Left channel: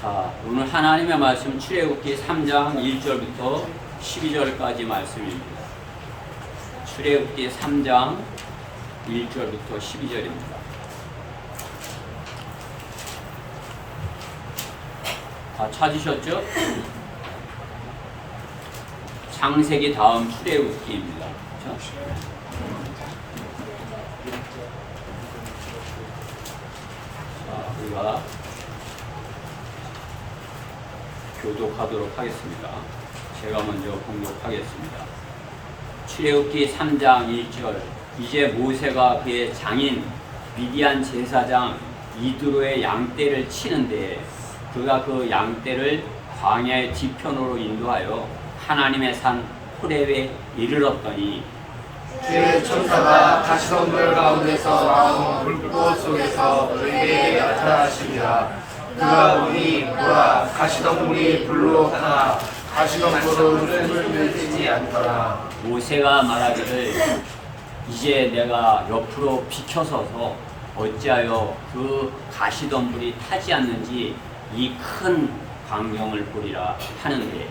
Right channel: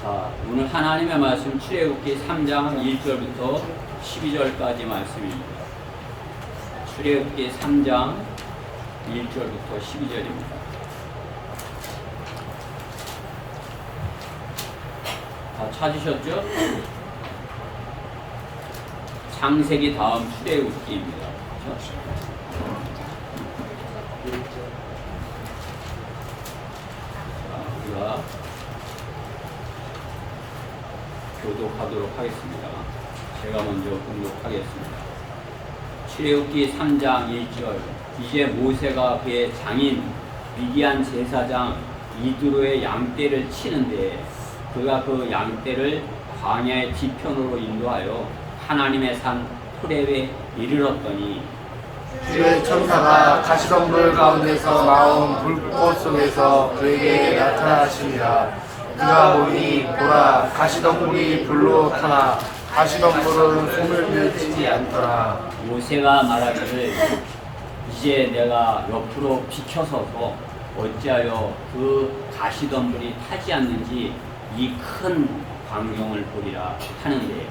자, 오늘 하나님의 말씀 출애굽기 3장 1절부터 12절까지 말씀입니다. 출애굽기 3장 1절부터 12절입니다. 다 찾으셨죠? 창세기 다음 출애굽기입니다. 그렇죠? 자, 우리가 교독하도록 하겠습니다. 제가 먼저 공독하겠습니다. 출애굽기 3장 1절. 이제 모세가 그의 장인 미디안 제사장 이드로의 양떼를 치는데 그가 그 양떼를 광야의 뒤편으로 인도하여 하나님의 산 호렙에 이르렀더니 주의 천사가 가시덤불 가운데서 나온 불꽃 속에서 그에게 나타나시니라. 그가 보니 보라, 가시덤불이 불로 타나 가시덤불은 손을 떼지 않더라. 모세가 말하기를 이제 내가 옆으로 비켜서서 어찌하여 그 가시덤불이 타지 않는지 이 큰 광경을 보리라 하는데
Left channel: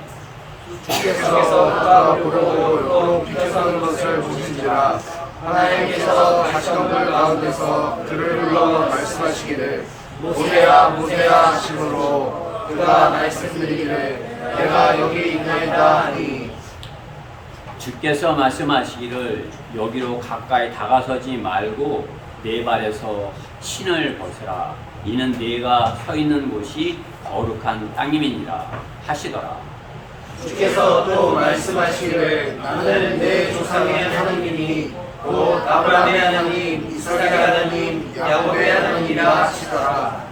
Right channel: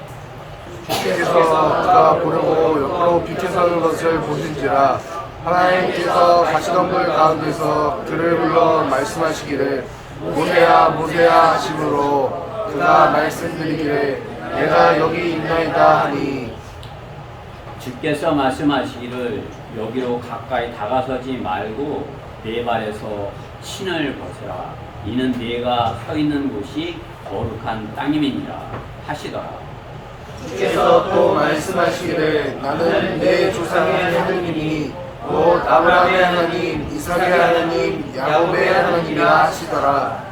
주께서 그가 보고 옆으로 비켜서는 것을 보신지라. 하나님께서 가시덤불 가운데서 그를 불러 말씀하시기를 모세야 모세야 하심으로 그가 말씀드리기를 내가 여기 있나이다 하니 주께서 말씀하시기를 여기로 가까이 다가서지 말고 네 발에서 신을 벗으라. 이는 네가 서 있는 곳이 거룩한 땅임이니라 하시더라. 주께서 또 말씀하시기를 나는 내 조상의 하나님이니 곧 아브라함의 하나님, 이삭의 하나님, 야곱의 하나님이라 하시더라.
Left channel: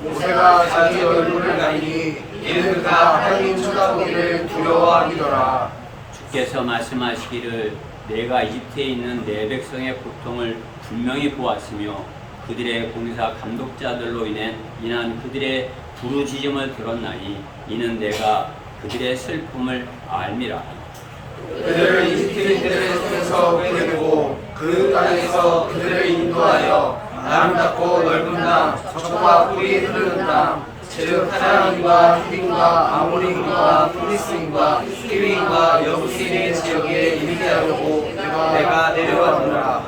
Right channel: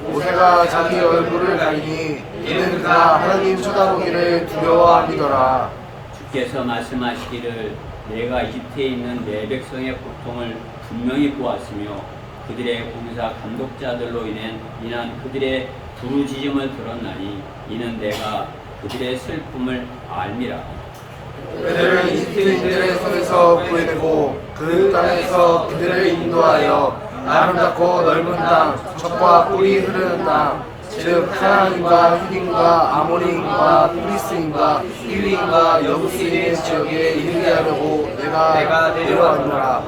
모세가 자기 얼굴을 가리니 이는 그가 하나님 쳐다보기를 두려워하기더라. 주께서 말씀하시기를 내가 이집트에 있는 내 백성의 고통을 분명히 보았으며 그들의 봉사 감독자들로 인한 그들의 부르짖음을 들었나니 이는 내가 그들의 슬픔을 알미라. 그들을 이집트인들의 손에서 구해주고 그 땅에서 그들을 인도하여 아름답고 넓은 땅, 젖과 꿀이 흐르는 땅, 즉 하나님과 히딘과 아모리인과 프리스인과 히위인과 여부스인의 지역에 이르게 하려고 내가 내려왔노라.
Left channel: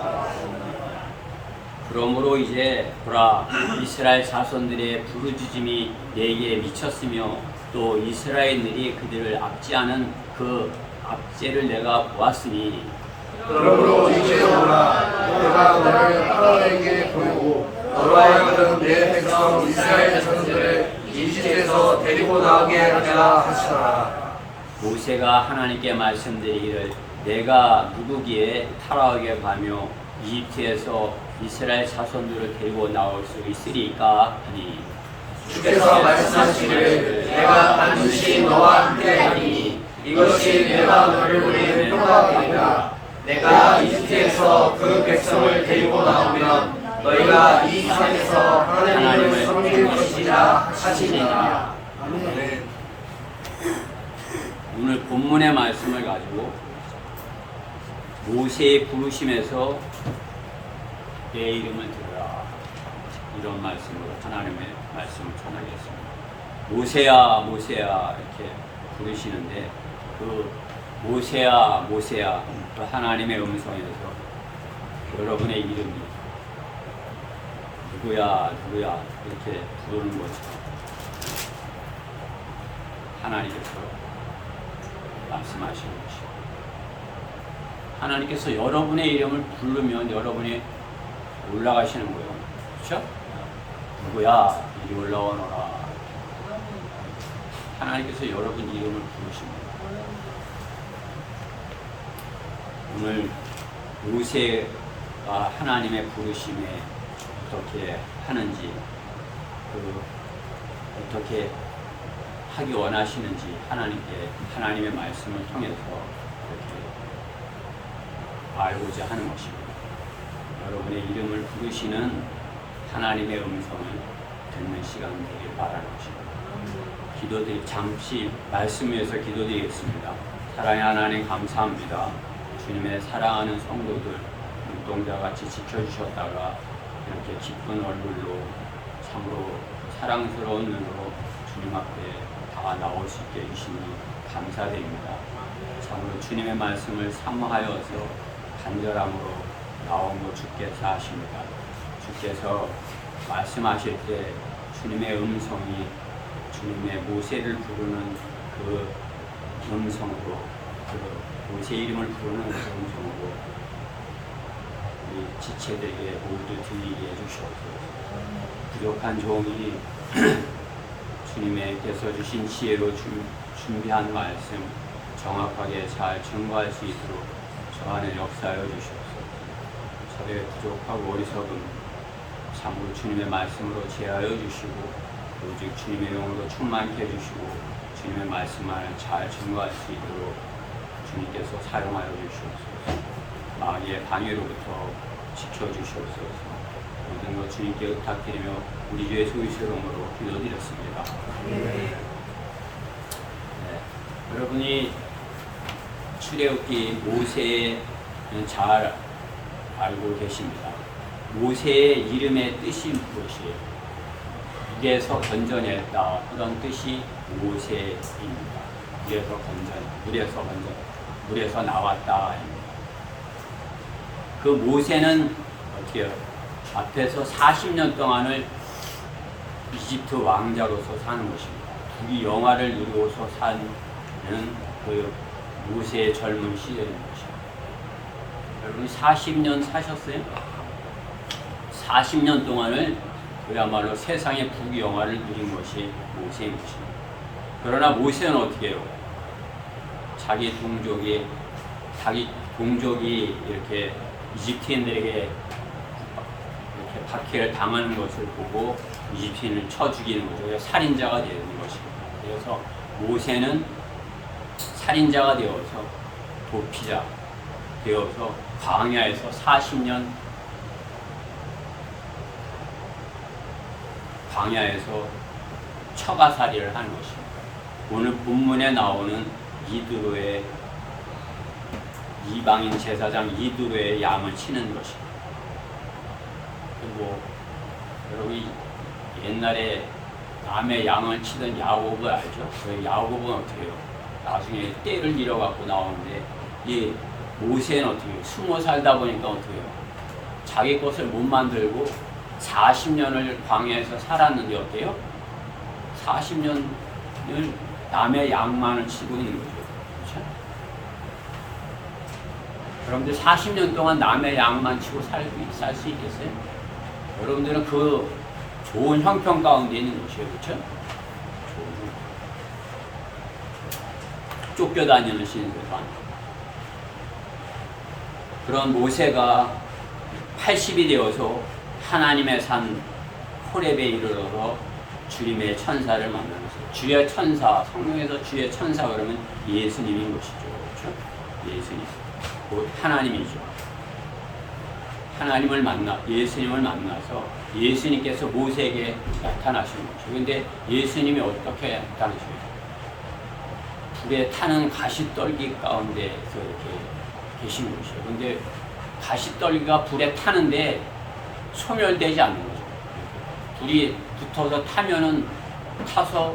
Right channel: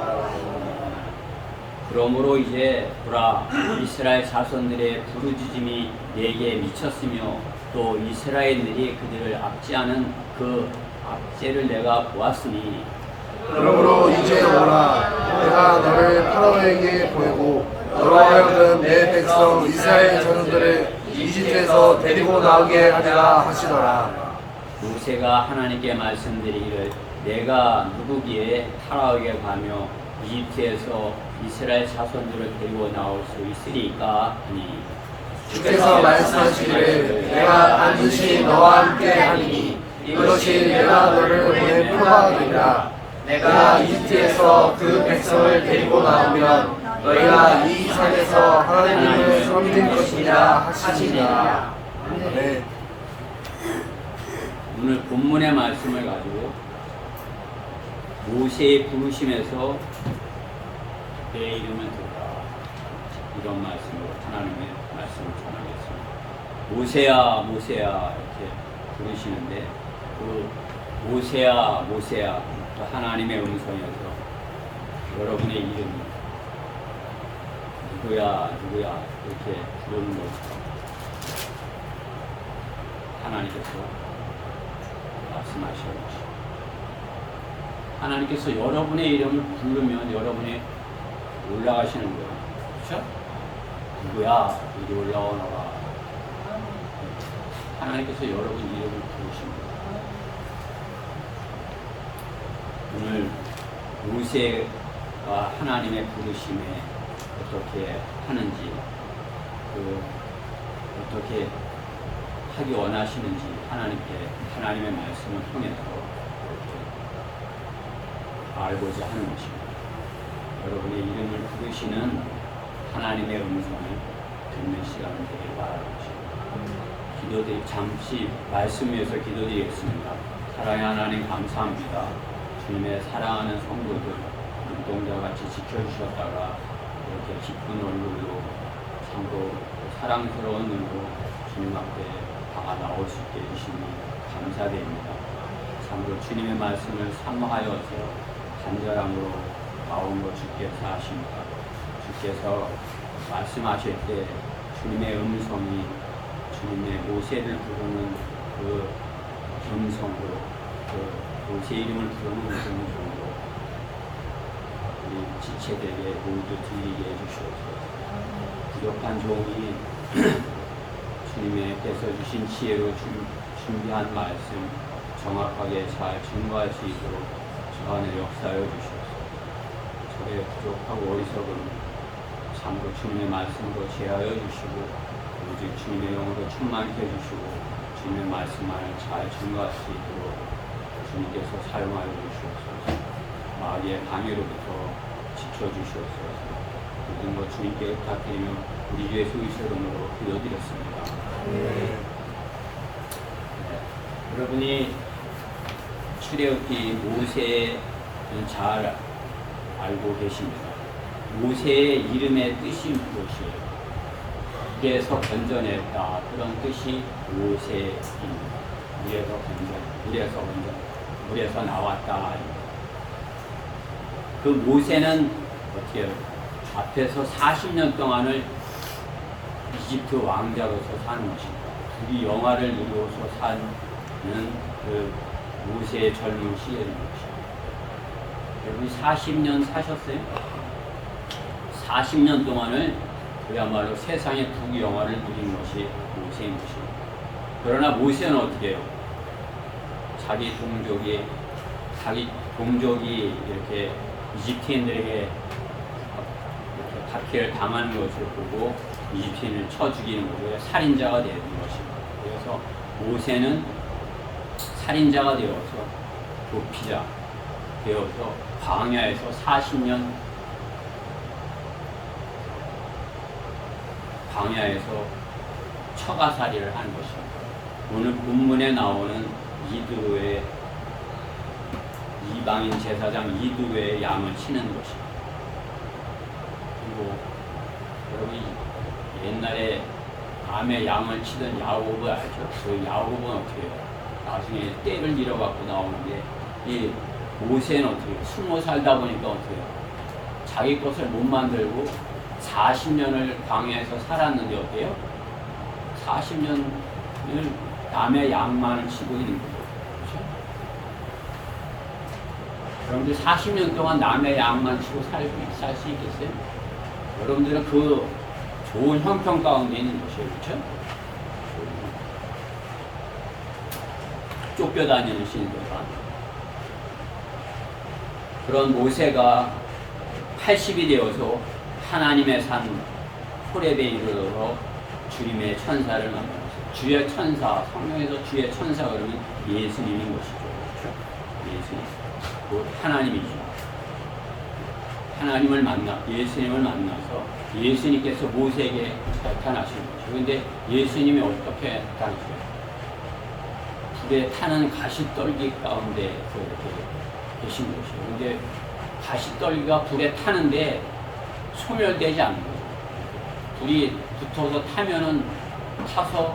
그러므로 이제 보라, 이스라엘 자손들의 부르짖음이 내게 미쳤으며 또 이스라엘들이 그들을 압제하는 그 압제를 내가 보았으니 그러므로 이제 보라, 내가 너를 파라오에게 보내고 너로 하여금 내 백성 이스라엘 자손들을 이집트에서 데리고 나오게 하리라 하시더라. 모세가 하나님께 말씀드리기를 내가 누구기에 파라오에게 가며 이집트에서 이스라엘 자손들을 데리고 나올 수 있으리까 하니 주께서 말씀하시기를 내가 반드시 너와 함께하리니 이것이 내가 너를 보낸 표가 되리라. 내가 이집트에서 그 백성을 데리고 나오면 너희가 이 산에서 하나님을 섬기는 것이라 하시니라. 오늘 본문의 말씀을 가지고 모세의 부르심에서 내 이름을 들으라 이런 말씀으로 하나님의 말씀을 전하겠습니다. 모세야 모세야 이렇게 부르시는데 그 모세야 모세야 그 하나님의 음성에서 여러분의 이름 누구야 누구야 이렇게 부르는 것처럼 하나님께서 말씀하시는 것입니다. 하나님께서 여러분의 이름을 부르면 여러분이 올라가시는 거예요. 그렇죠? 누구야 여기 올라오너라. 하나님께서 여러분 이름을 부르십니다. 오늘 모세가 하나님의 부르심에 어떻게 하는지 어떻게 하기 원하시는지 하나님의 말씀을 통해서 이렇게 알고자 하는 것입니다. 여러분의 이름을 부르시는 하나님의 음성을 듣는 시간 되길 바라는 것입니다. 잠시 말씀 위해서 기도드리겠습니다. 사랑의 하나님 감사합니다. 주님의 사랑하는 성도들 눈동자같이 지켜주셨다가 이렇게 기쁜 얼굴로 참으로 사랑스러운 눈으로 주님 앞에 다 나올 수 있게 해주시니 감사드립니다. 참으로 주님의 말씀을 사모하여서 간절함으로 나온 것 주께서 아십니다. 주께서 말씀하실 때 주님의 음성이 주님의 모세를 부르는 그 음성으로, 그 모세 이름을 부르는 음성으로 우리 지체들에게 모두 들리게 해주시옵소서. 부족한 종이 주님께서 주신 지혜로 준비한 말씀 정확하게 잘 증거할 수 있도록 저 안에 역사하여 주시옵소서. 저의 부족하고 어리석음 참으로 주님의 말씀으로 제하여 주시고 오직 주님의 영으로 충만케 해주시고 주님의 말씀을 잘 증거할 수 있도록 주님께서 사용하여 주시옵소서. 마귀의 방해로부터 지켜주시옵소서. 모든 것 주님께 의탁드리며 우리 주의 소유의 이름으로 기도드렸습니다. 네. 여러분이 출애굽기 모세는 잘 알고 계십니다. 모세의 이름의 뜻이 무엇이에요? 물에서 건져냈다, 그런 뜻이 모세입니다. 물에서 나왔다. 그 모세는 어떻게 해요? 앞에서 40년 동안을 이집트 왕자로서 사는 것입니다. 이 영화를 누리고서 사는 그 모세의 젊은 시절인 것입니다. 여러분이 40년 사셨어요? 40년 동안을 그야말로 세상의 국영화를 누린 것이 모세인 것입니다. 그러나 모세는 어떻게 해요? 자기 동족이 이렇게 이집트인들에게 이렇게 박해를 당하는 것을 보고 이집트인을 쳐 죽이는 거죠. 살인자가 되는 것입니다. 그래서 모세는 살인자가 되어서 도피자 되어서 광야에서 40년 광야에서 처가살이를 하는 것입니다. 오늘 본문에 나오는 이드로의 이방인 제사장 이드로의 양을 치는 것입니다. 그리고 여러분이 옛날에 남의 양을 치던 야곱을 알죠? 그 야곱은 어떻게 해요? 나중에 때를 잃어갖고 나오는데 이 모세는 어떻게 해요? 숨어 살다 보니까 어떻게 해요? 자기 것을 못 만들고 40년을 광야에서 살았는데 어때요? 40년을 남의 양만을 치고 있는 거죠. 그렇죠? 여러분들 40년 동안 남의 양만 치고 살 수 있겠어요? 여러분들은 그 좋은 형편 가운데 있는 것이에요. 그렇죠? 쫓겨다니는 신들과 그런 모세가 80이 되어서 하나님의 산 호렙에 이르러서 주님의 천사를 만나는 것이죠. 주의 천사, 성경에서 주의 천사 그러면 예수님인 것이죠. 그렇죠? 예수님, 곧 하나님이죠. 예수님을 만나서 예수님께서 모세에게 나타나신 거죠. 그런데 예수님이 어떻게 나타나시죠? 불에 타는 가시떨기 가운데서 이렇게 계신 것이에요. 그런데 가시떨기가 불에 타는데 소멸되지 않는 거죠. 불이 붙어서 타서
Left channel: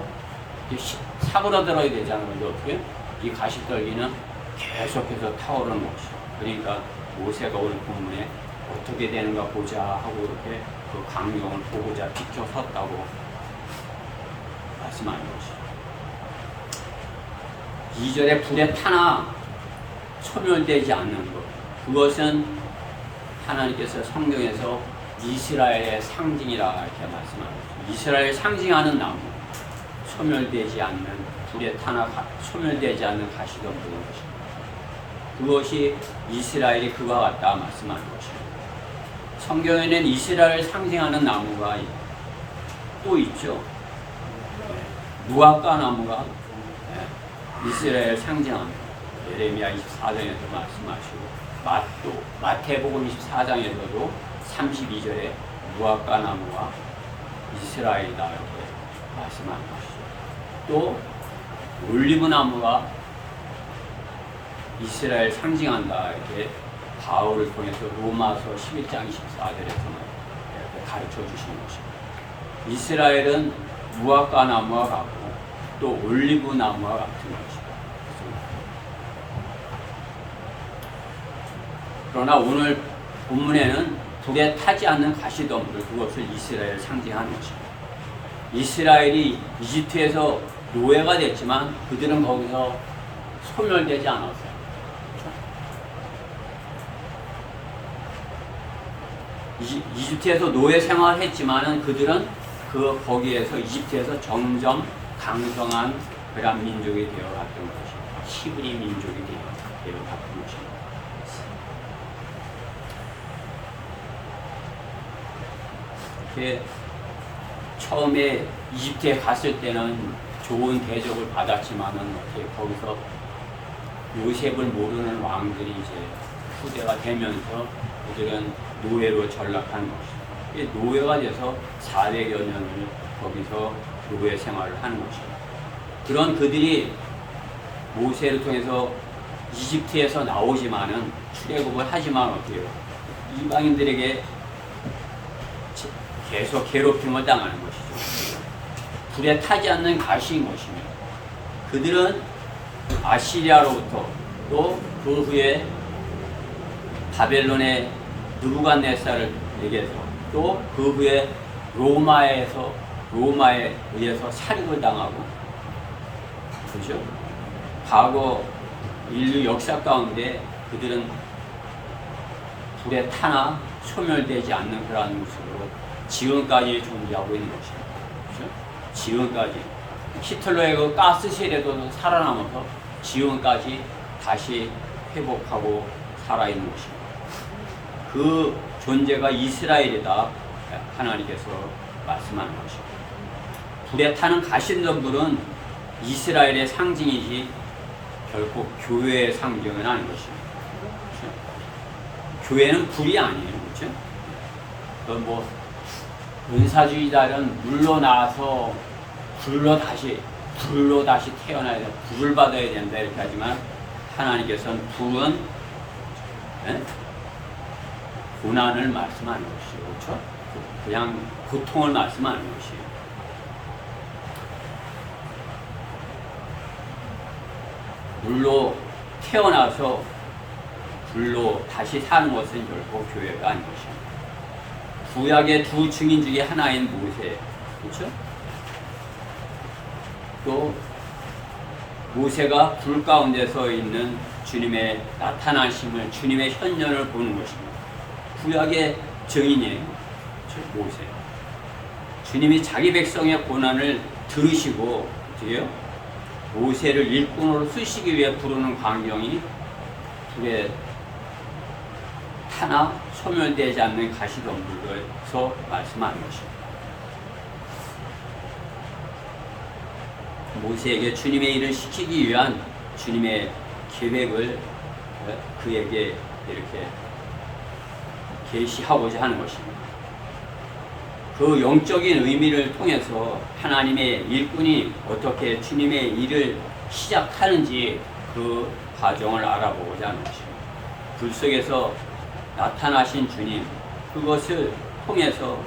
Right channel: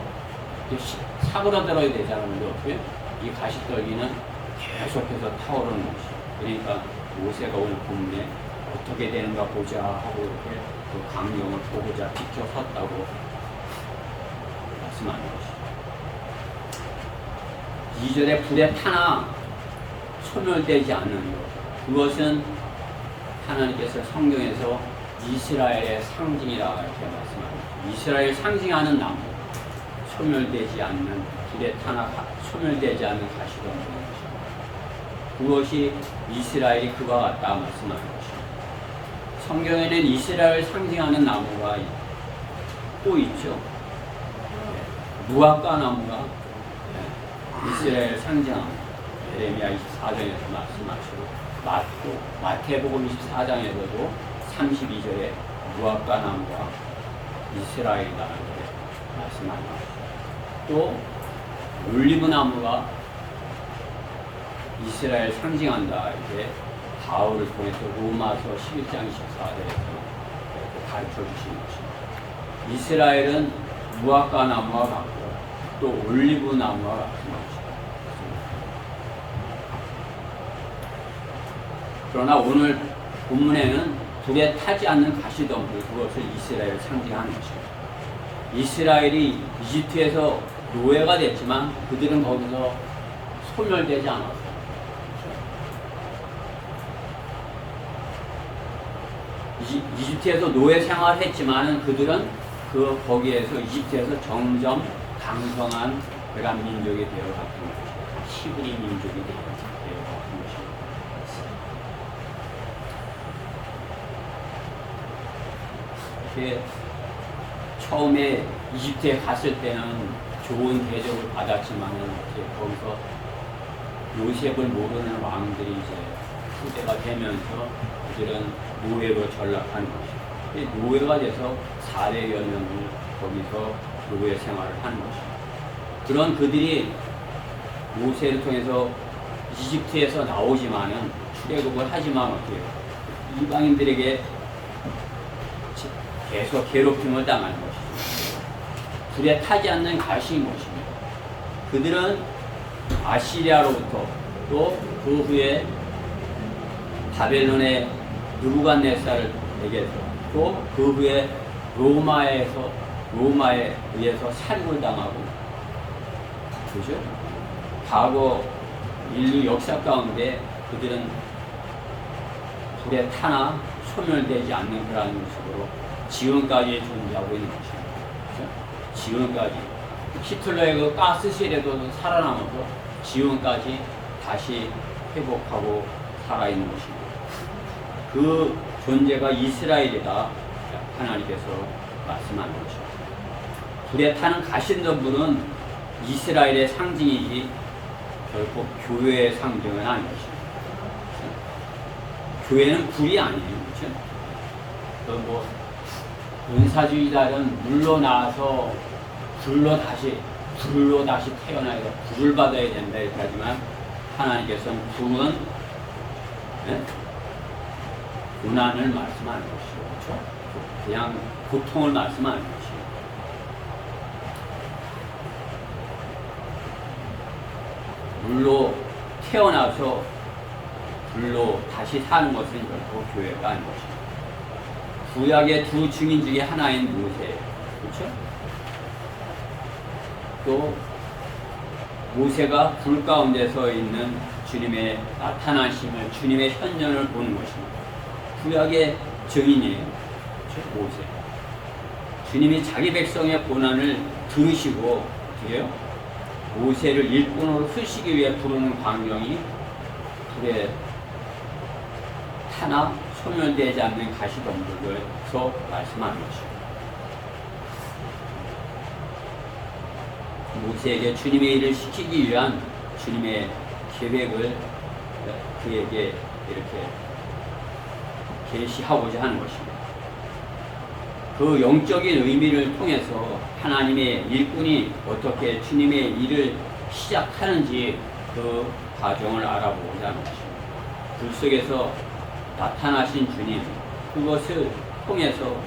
사그러들어야 되잖아요. 근데 어떻게? 이 가시떨기는 계속해서 타오르는 것이죠. 그러니까 모세가 오늘 본문에 어떻게 되는가 보자 하고 이렇게 그 광경을 보고자 비켜 섰다고 말씀하는 것이죠. 2절에 불에 타나 소멸되지 않는 것. 그것은 하나님께서 성경에서 이스라엘의 상징이라 이렇게 말씀합니다. 이스라엘 상징하는 나무, 소멸되지 않는 불에 타나 소멸되지 않는 가시덤불인 것입니다. 그것이 이스라엘이 그와 같다 말씀하는 것입니다. 성경에는 이스라엘 상징하는 나무가 또 있죠. 무화과 나무가 이스라엘 상징합니다. 예레미야 24장에서 말씀하시고 마태복음 24장에서도 32절에 무화과 나무가 이스라엘이다 이렇게 말씀하는 것이죠. 또 올리브 나무가 이스라엘 상징한다 이렇게 바울을 통해서 로마서 11장 24절에서 이렇게 가르쳐 주신 것입니다. 이스라엘은 무화과 나무와 같고 또 올리브 나무와 같은 것이다. 그러나 오늘 본문에는 불에 타지 않는 가시덤불, 그것을 이스라엘을 상징하는 것입니다. 이스라엘이 이집트에서 노예가 됐지만 그들은 거기서 소멸되지 않았어요. 이집트에서 노예 생활을 했지만은 그들은 거기에서 이집트에서 점점 강성한 그런 민족이 되어갔던 것이에요. 히브리 민족이 되어갔던 것입니다. 처음에 이집트에 갔을 때는 좋은 대접을 받았지만은 어떻게 거기서 요셉을 모르는 왕들이 이제 후대가 되면서 그들은 노예로 전락하는 것이죠. 노예가 돼서 400여 년을 거기서 노예 생활을 하는 것이죠. 그런 그들이 모세를 통해서 이집트에서 나오지만은 출애굽을 하지만 어때요? 이방인들에게 계속 괴롭힘을 당하는 것이죠. 불에 타지 않는 가시인 것입니다. 그들은 아시리아로부터 또 그 후에 바벨론의 느부갓네살에게서 또 그 후에 로마에 의해서 살육을 당하고, 그죠? 과거 인류 역사 가운데 그들은 불에 타나 소멸되지 않는 그런 모습으로 지금까지 존재하고 있는 것입니다. 그죠? 지금까지 히틀러의 그 가스실에도 살아남아서 지금까지 다시 회복하고 살아있는 것입니다. 그 존재가 이스라엘이다, 하나님께서 말씀하는 것입니다. 불에 타는 가시덤불은 이스라엘의 상징이지 결코 교회의 상징은 아닌 것입니다. 그렇죠? 교회는 불이 아니에요. 그렇죠? 뭐 은사주의자는 물로 나와서 불로 다시 태어나야 돼, 불을 받아야 된다 이렇게 하지만 하나님께서는 불은 고난을 말씀하는 것이죠. 그렇죠? 그냥 고통을 말씀하는 것이에요. 물로 태어나서 불로 다시 사는 것은 결코 교회가 아닌 것입니다. 구약의 두 증인 중에 하나인 모세, 그렇죠? 또 모세가 불 가운데 서 있는 주님의 나타나심을, 주님의 현현을 보는 것입니다. 구약의 증인이에요, 그렇죠? 모세. 주님이 자기 백성의 고난을 들으시고 어떻게 해요? 모세를 일꾼으로 쓰시기 위해 부르는 광경이 불에 타나 소멸되지 않는 가시덤불에서 말씀하는 것입니다. 모세에게 주님의 일을 시키기 위한 주님의 계획을 그에게 이렇게 계시하고자 하는 것입니다. 그 영적인 의미를 통해서 하나님의 일꾼이 어떻게 주님의 일을 시작하는지 그 과정을 알아보고자 하는 것입니다. 불 속에서 나타나신 주님, 그것을 통해서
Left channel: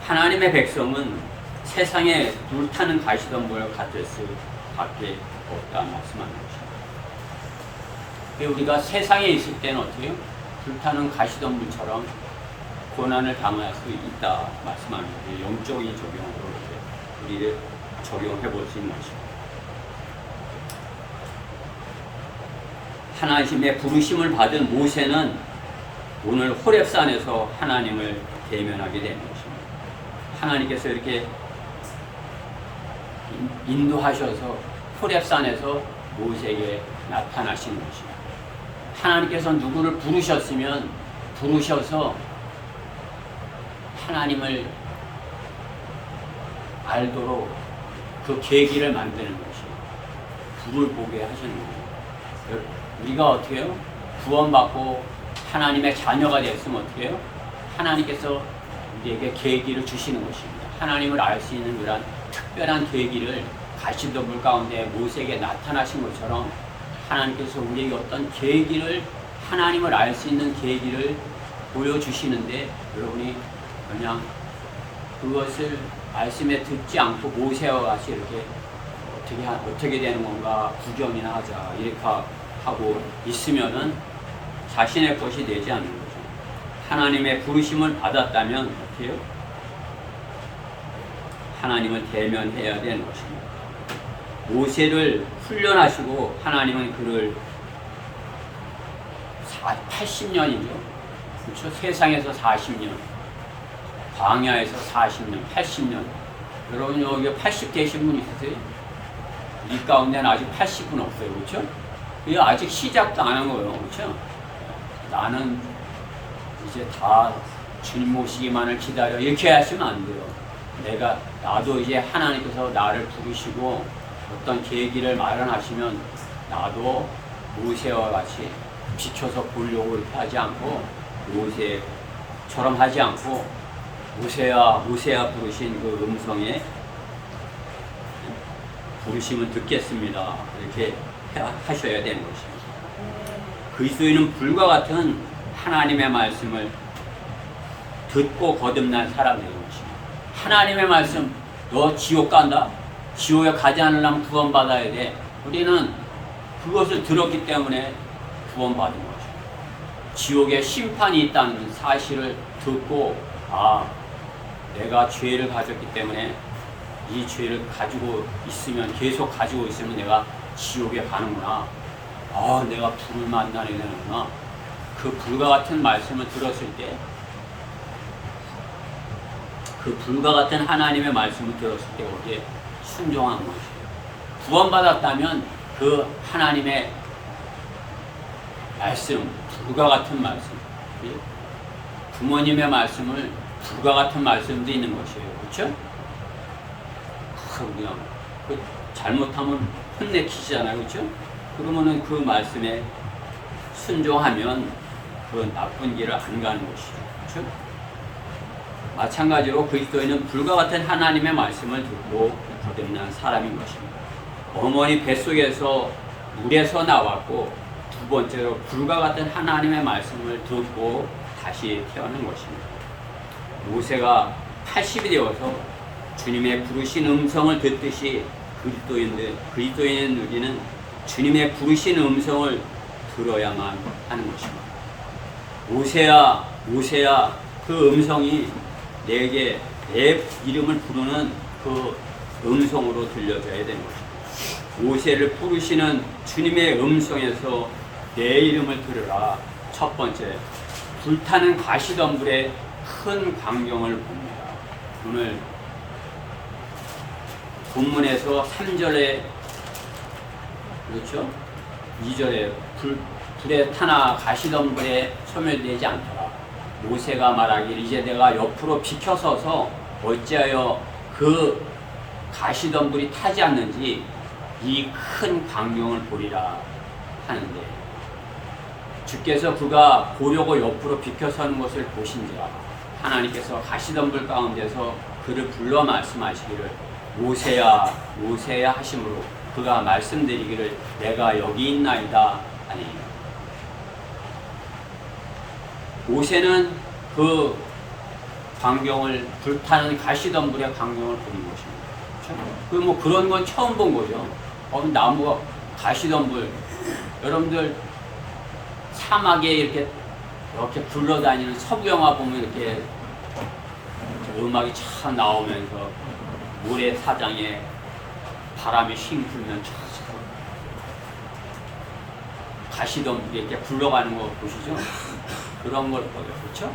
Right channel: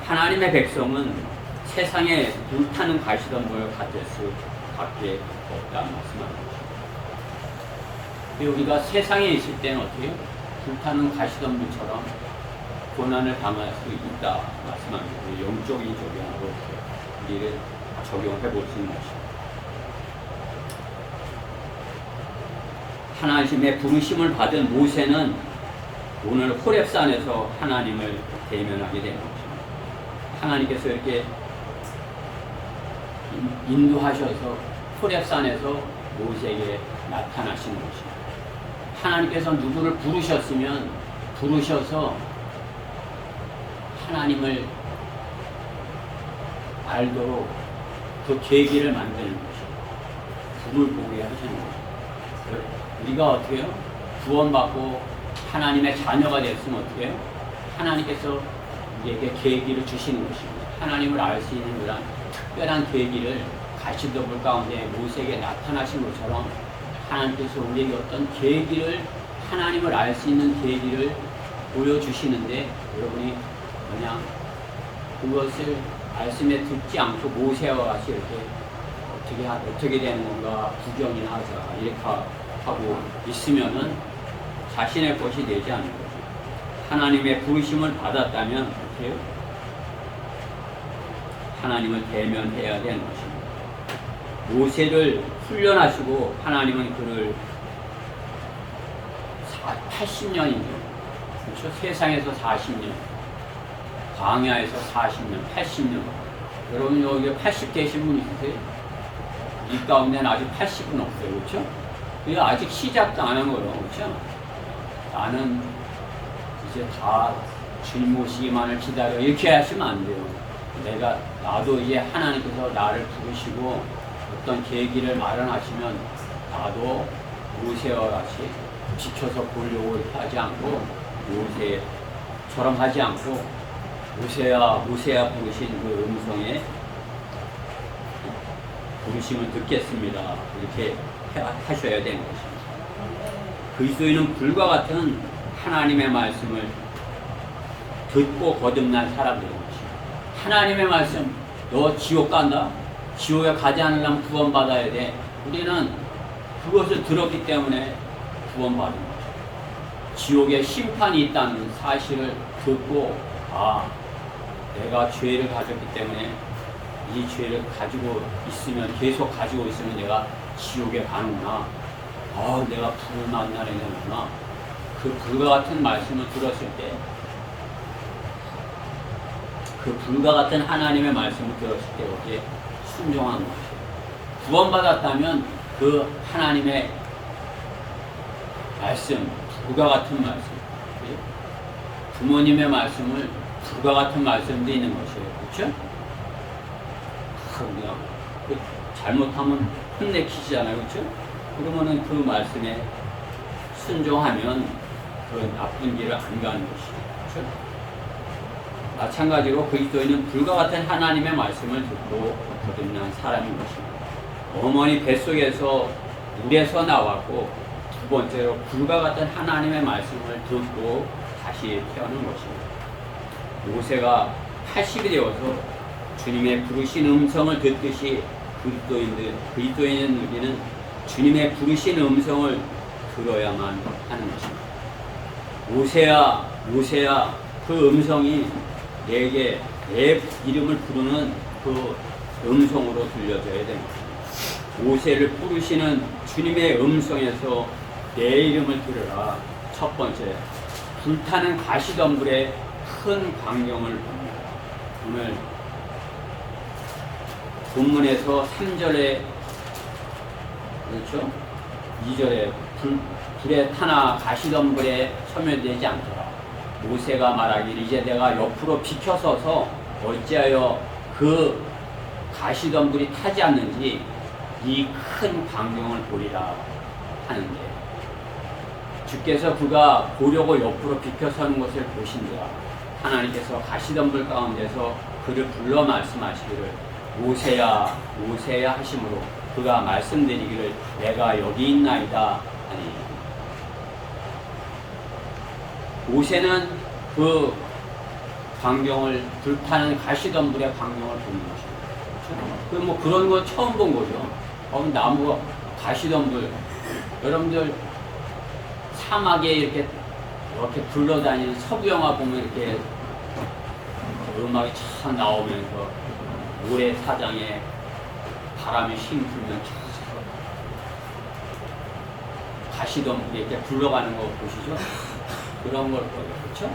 하나님의 백성은 세상에 불타는 가시덤불 같을 수밖에 없다 말씀하는 것입니다. 우리가 세상에 있을 때는 어떻게 해요? 불타는 가시덤불처럼 고난을 당할 수 있다 말씀하는 거예요. 영적인 적용으로 이렇게 우리를 적용해 볼 수 있는 것입니다. 하나님의 부르심을 받은 모세는 오늘 호렙산에서 하나님을 대면하게 되는 것입니다. 하나님께서 이렇게 인도하셔서 호렙산에서 모세에게 나타나시는 것입니다. 하나님께서 누구를 부르셔서 하나님을 알도록 그 계기를 만드는 것입니다. 불을 보게 하시는 거예요. 우리가 어떻게 해요? 구원받고 하나님의 자녀가 됐으면 어떻게 해요? 하나님께서 우리에게 계기를 주시는 것입니다. 하나님을 알 수 있는 그런 특별한 계기를 가시덤불 가운데 모세에게 나타나신 것처럼 하나님께서 우리에게 어떤 계기를, 하나님을 알 수 있는 계기를 보여주시는데 여러분이 그냥 그것을 말씀에 듣지 않고 모세와 같이 이렇게 어떻게 되는 건가 구경이나 하자 이렇게 하고 있으면은 자신의 것이 되지 않는 거죠. 하나님의 부르심을 받았다면 어떻게 해요? 하나님을 대면해야 되는 것입니다. 모세를 훈련하시고 하나님은 그를 80년이죠. 그렇죠? 세상에서 40년, 광야에서 40년, 80년. 여러분 여기 80 계신 분 있으세요? 이 가운데는 아직 80은 없어요. 그렇죠? 그게 아직 시작도 안 한 거예요. 그렇죠? 나는 이제 다 주님 오시기만을 기다려 이렇게 하시면 안 돼요. 나도 이제 하나님께서 나를 부르시고 어떤 계기를 마련하시면 나도 모세와 같이 비춰서 보려고 이렇게 하지 않고 모세처럼 하지 않고 모세야 부르신 그 음성에 부르심을 듣겠습니다. 이렇게 하셔야 되는 것입니다. 그리스도인은 불과 같은 하나님의 말씀을 듣고 거듭난 사람들인 것입니다. 하나님의 말씀, 너 지옥 간다? 지옥에 가지 않으려면 구원받아야 돼. 우리는 그것을 들었기 때문에 구원받은 거죠. 지옥에 심판이 있다는 사실을 듣고 내가 죄를 가졌기 때문에 이 죄를 가지고 있으면 계속 가지고 있으면 내가 지옥에 가는구나. 내가 불을 만나야 되는구나. 그 불과 같은 말씀을 들었을 때 그 불과 같은 하나님의 말씀을 들었을 때 어디에 순종한 것이에요. 구원받았다면 그 하나님의 말씀, 불과 같은 말씀, 부모님의 말씀을 불과 같은 말씀도 있는 것이에요. 그렇죠? 그냥 잘못하면 혼내키시잖아요. 그렇죠? 그러면은 그 말씀에 순종하면 그 나쁜 길을 안 가는 것이죠. 그렇죠? 마찬가지로 그리스도인은 불과 같은 하나님의 말씀을 듣고 거듭난 사람인 것입니다. 어머니 뱃속에서 물에서 나왔고 두 번째로 불과 같은 하나님의 말씀을 듣고 다시 태어난 것입니다. 모세가 80이 되어서 주님의 부르신 음성을 듣듯이 그리스도인은 우리는 주님의 부르신 음성을 들어야만 하는 것입니다. 모세야 그 음성이 내게 내 이름을 부르는 그 음성으로 들려져야 되는 것입니다. 모세를 부르시는 주님의 음성에서 내 이름을 들으라. 첫 번째, 불타는 가시덤불에 큰 광경을 봅니다. 오늘 본문에서 3절에 그렇죠? 2절에 불에 타나 가시덤불에 소멸되지 않더라. 모세가 말하기를 이제 내가 옆으로 비켜서서 어찌하여 그 가시덤불이 타지 않는지 이 큰 광경을 보리라 하는데 주께서 그가 보려고 옆으로 비켜서는 것을 보신지라 하나님께서 가시덤불 가운데서 그를 불러 말씀하시기를 모세야 하심으로 그가 말씀드리기를 내가 여기 있나이다 하니 모세는 그 광경을 불타는 가시덤불의 광경을 보는 것입니다. 그렇죠? 그런 건 처음 본 거죠. 나무가 가시덤불 여러분들 사막에 이렇게 굴러다니는 서부 영화 보면 이렇게 음악이 참 나오면서 모래사장에 바람이 싱 불면 가시덤불이 이렇게 굴러가는 거 보시죠? 그런 걸 거예요. 그렇죠?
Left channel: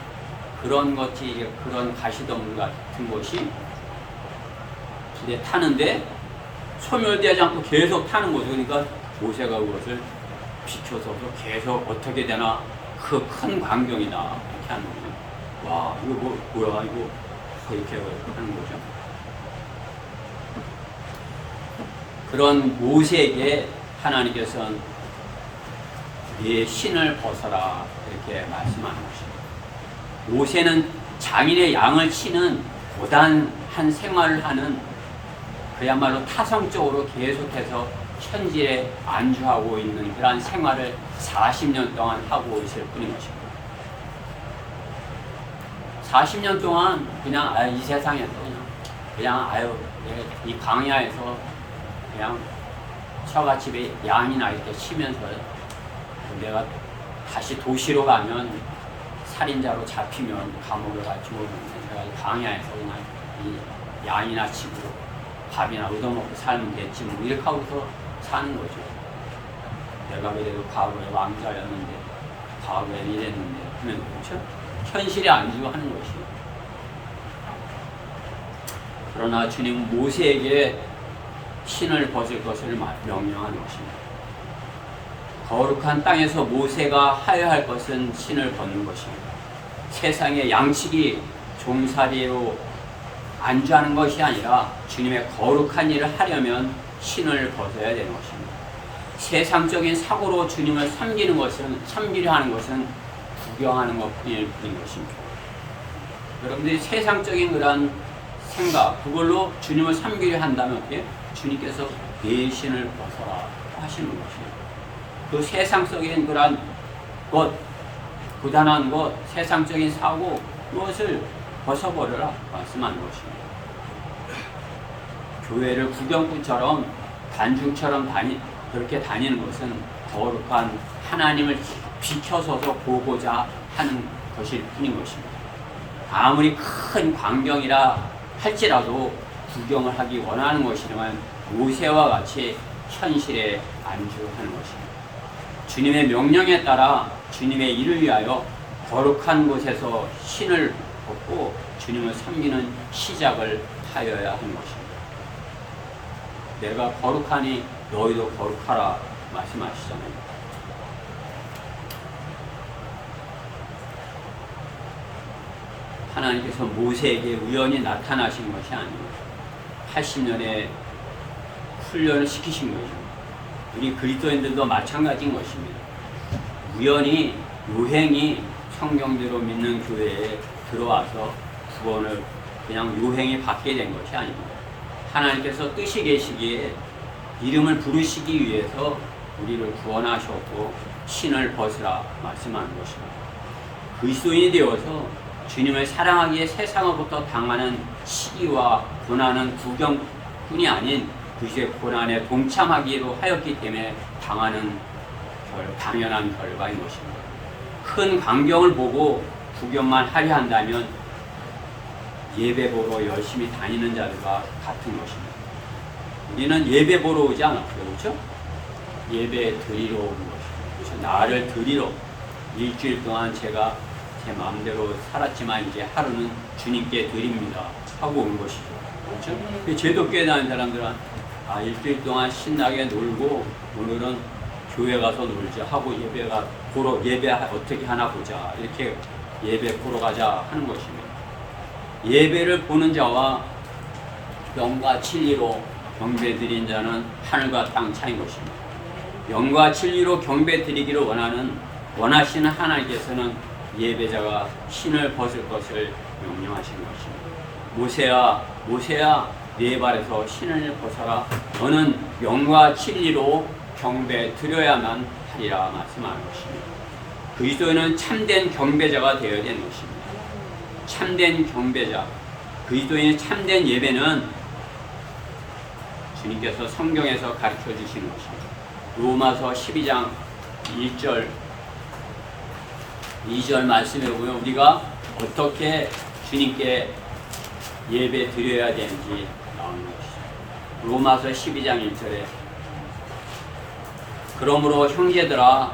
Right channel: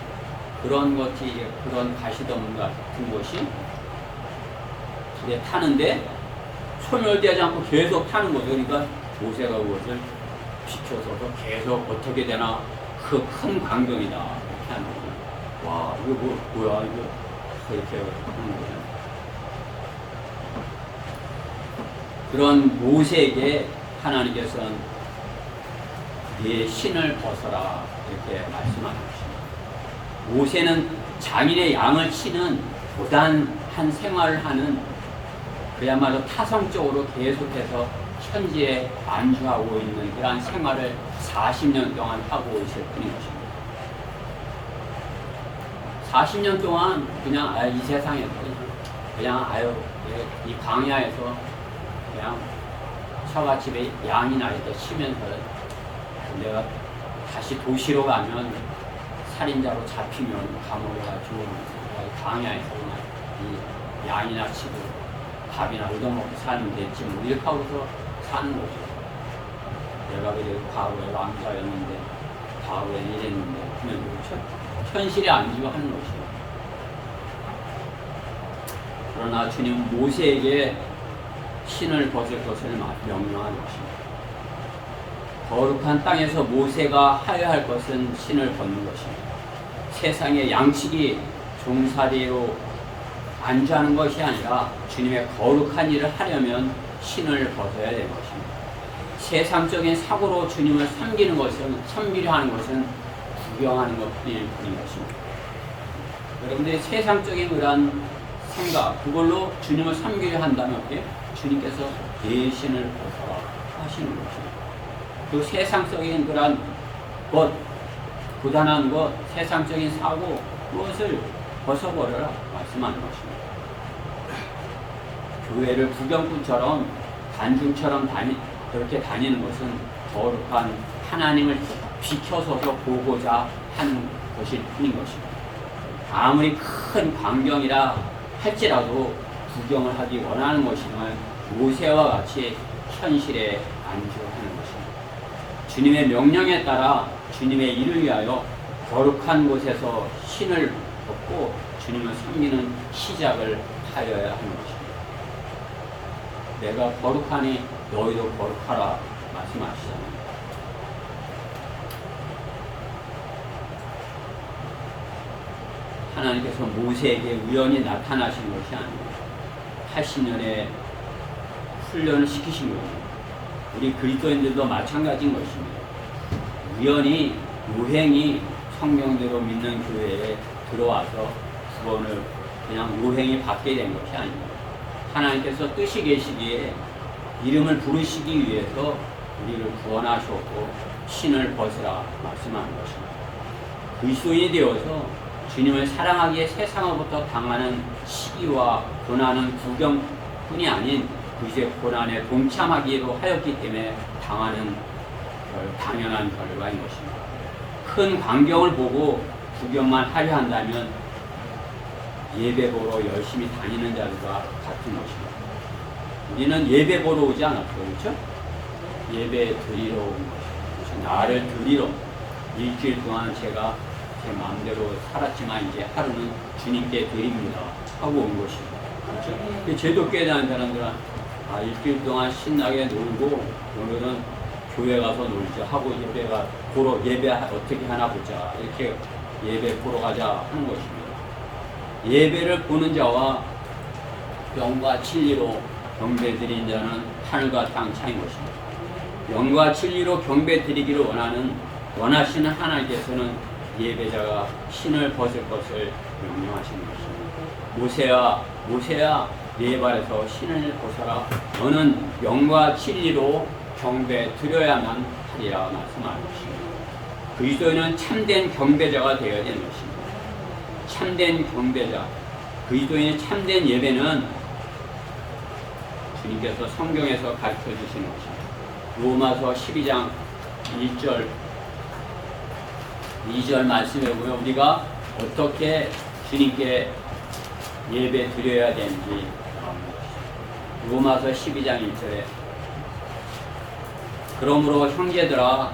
그런 것이 그런 가시덤불 같은 것이 불에 타는데 소멸되지 않고 계속 타는 거죠. 그러니까 모세가 그것을 비춰서서 계속 어떻게 되나 그 큰 광경이다 이렇게 하는 거죠. 와 이거 뭐야 이거 이렇게 하는 거죠. 그런 모세에게 하나님께서는 네 신을 벗어라 이렇게 말씀하는 것입니다. 모세는 장인의 양을 치는 고단한 생활을 하는 그야말로 타성적으로 계속해서 현지에 안주하고 있는 그러한 생활을 40년 동안 하고 있을 뿐인 것입니다. 40년 동안 그냥 이 세상에서 그냥 그냥 아유 왜 이 광야에서 그냥 처갓집에 양이나 이렇게 치면서 내가 다시 도시로 가면 살인자로 잡히면 감옥에 가 죽어놓는 내가 광야에서 그냥 이 양이나 치고 밥이나 얻어먹고 살면 됐지 뭐 이렇게 하고서 사는 거죠. 내가 그래도 과거에 왕자였는데 과거에 이랬는데 하면 그렇죠? 현실에 안주고 하는 것이고. 그러나 주님은 모세에게 신을 벗을 것을 명령한 것입니다. 거룩한 땅에서 모세가 하여야 할 것은 신을 벗는 것입니다. 세상의 양치기 종살이로 안주하는 것이 아니라 주님의 거룩한 일을 하려면 신을 벗어야 되는 것입니다. 세상적인 사고로 주님을 섬기려 하는 것은 구경하는 것뿐일 뿐인 것입니다. 여러분들이 세상적인 그런 생각, 그걸로 주님을 섬기려 한다면 어때요? 주님께서 내 신을 벗어라 하시는 것입니다. 그 세상적인 그런 것, 부단한 것, 세상적인 사고, 무엇을 벗어버려라 말씀하는 것입니다. 교회를 구경꾼처럼 단중처럼 그렇게 다니는 것은 거룩한 하나님을 비켜서서 보고자 하는 것일 뿐인 것입니다. 아무리 큰 광경이라 할지라도 구경을 하기 원하는 것이지만 모세와 같이 현실에 안주하는 것입니다. 주님의 명령에 따라 주님의 일을 위하여 거룩한 곳에서 신을 벗고 주님을 섬기는 시작을 하여야 하는 것입니다. 내가 거룩하니 너희도 거룩하라 말씀하시잖아요. 하나님께서 모세에게 우연히 나타나신 것이 아니에요. 80년의 훈련을 시키신 것이죠. 우리 그리스도인들도 마찬가지인 것입니다. 우연히 요행이 성경대로 믿는 교회에 들어와서 구원을 그냥 요행이 받게 된 것이 아닙니다. 하나님께서 뜻이 계시기에 이름을 부르시기 위해서 우리를 구원하셨고 신을 벗으라 말씀하는 것입니다. 그리스도인이 되어서 주님을 사랑하기에 세상으로부터 당하는 시기와 고난은 구경뿐이 아닌 그의 고난에 동참하기로 하였기 때문에 당하는 당연한 결과인 것입니다. 큰 광경을 보고 구경만 하려 한다면 예배 보러 열심히 다니는 자들과 같은 것입니다. 우리는 예배 보러 오지 않았어요. 그렇죠? 예배 드리러 온 것입니다. 그렇죠? 나를 드리러 일주일 동안 제가 제 마음대로 살았지만 이제 하루는 주님께 드립니다 하고 온 것이죠. 그렇죠? 제도교회 다니는 사람들은 일주일 동안 신나게 놀고 오늘은 교회 가서 놀자 하고 예배 어떻게 하나 보자 이렇게 예배 보러 가자 하는 것입니다. 예배를 보는 자와 영과 진리로 경배 드린 자는 하늘과 땅 차이인 것입니다. 영과 진리로 경배 드리기를 원하시는 하나님께서는 예배자가 신을 벗을 것을 명령하시는 것입니다. 모세야 네 발에서 신을 벗어라. 너는 영과 진리로 경배 드려야만 하리라 말씀하는 것입니다. 그리스도인은 참된 경배자가 되어야 되는 것입니다. 참된 경배자, 그리스도인의 참된 예배는 주님께서 성경에서 가르쳐 주시는 것입니다. 로마서 12장 1절 2절 말씀에 보면 우리가 어떻게 주님께 예배 드려야 되는지 나오는 것이죠. 로마서 12장 1절에 그러므로 형제들아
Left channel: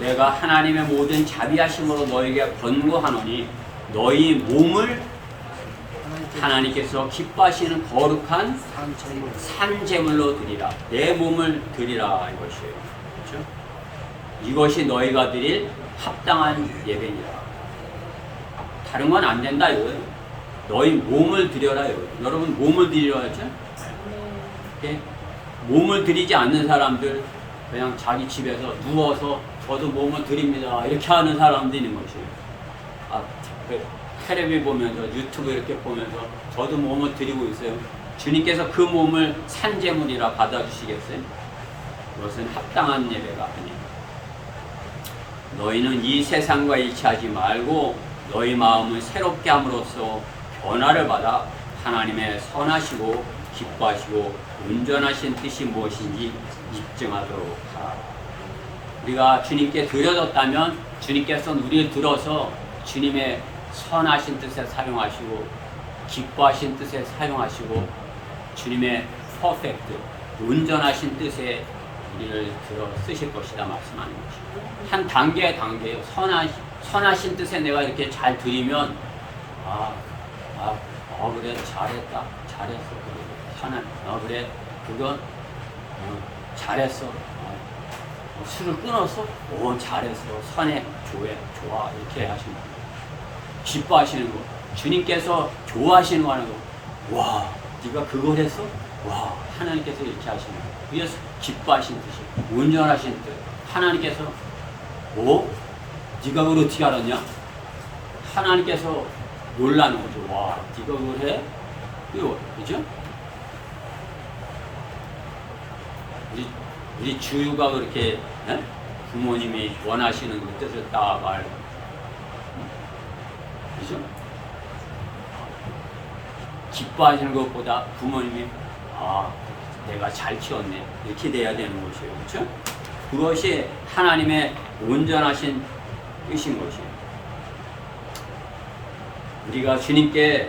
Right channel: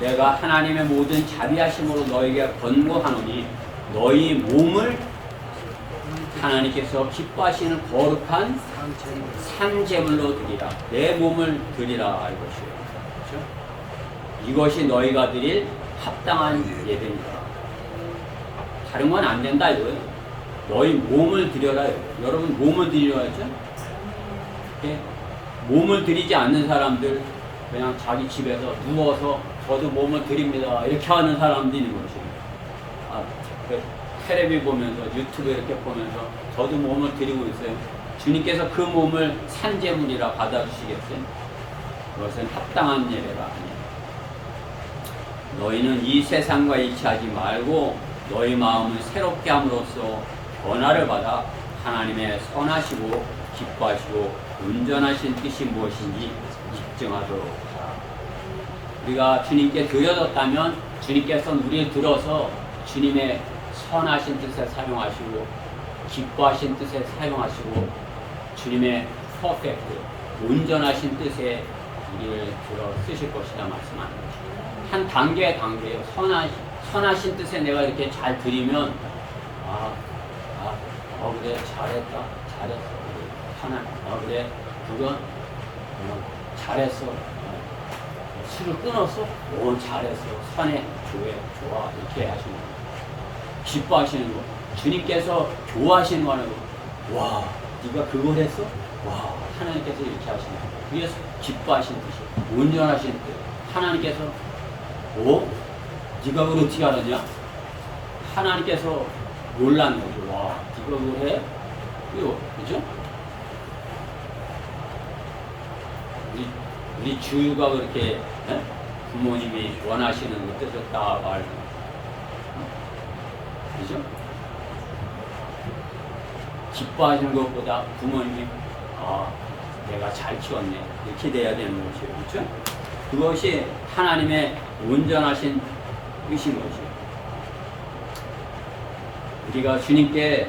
내가 하나님의 모든 자비하심으로 너에게 권고하노니 너희 몸을 하나님께서 기뻐하시는 거룩한 산제물로 드리라. 내 몸을 드리라 이것이에요. 그렇죠? 이것이 너희가 드릴 합당한 예배니라. 다른 건 안 된다 이거예요. 너희 몸을 드려라 이거예요. 여러분 몸을 드리라 했죠? 예? 몸을 드리지 않는 사람들 그냥 자기 집에서 누워서 저도 몸을 드립니다 이렇게 하는 사람도 있는 것이에요. 텔레비 보면서 유튜브 이렇게 보면서 저도 몸을 드리고 있어요. 주님께서 그 몸을 산제물이라 받아주시겠어요? 그것은 합당한 예배가 아니에요. 너희는 이 세상과 일치하지 말고 너희 마음을 새롭게 함으로써 변화를 받아 하나님의 선하시고 기뻐하시고 온전하신 뜻이 무엇인지 입증하도록 하라. 우리가 주님께 드려졌다면 주님께서 우리를 들어서 주님의 선하신 뜻에 사용하시고 기뻐하신 뜻에 사용하시고 주님의 퍼펙트 온전하신 뜻에 우리를 들어 쓰실 것이다 말씀하는 것입니다. 한 단계예요. 선하신 뜻에 내가 이렇게 잘 드리면 그래 잘했다 잘했어 그래 하나님 그래 그건 잘했어 술을 끊었어 잘했어 선해 좋아 이렇게 하시는 거예요. 기뻐하시는 거 주님께서 좋아하시는 거 하는 거 와 네가 그걸 했어 와 하나님께서 이렇게 하시는 거예요. 그래서 기뻐하시는 뜻이 온전하신 뜻 하나님께서 네가 그걸 어떻게 알았냐 하나님께서 놀라는 거죠. 와 네가 그걸 해 그죠? 우리 주유가 그렇게 부모님이 원하시는 그 뜻을 딱 알고 그죠? 기뻐하시는 것보다 부모님이 내가 잘 키웠네 이렇게 돼야 되는 것이에요. 그렇죠? 그것이 하나님의 온전하신 뜻인 것이에요. 우리가 주님께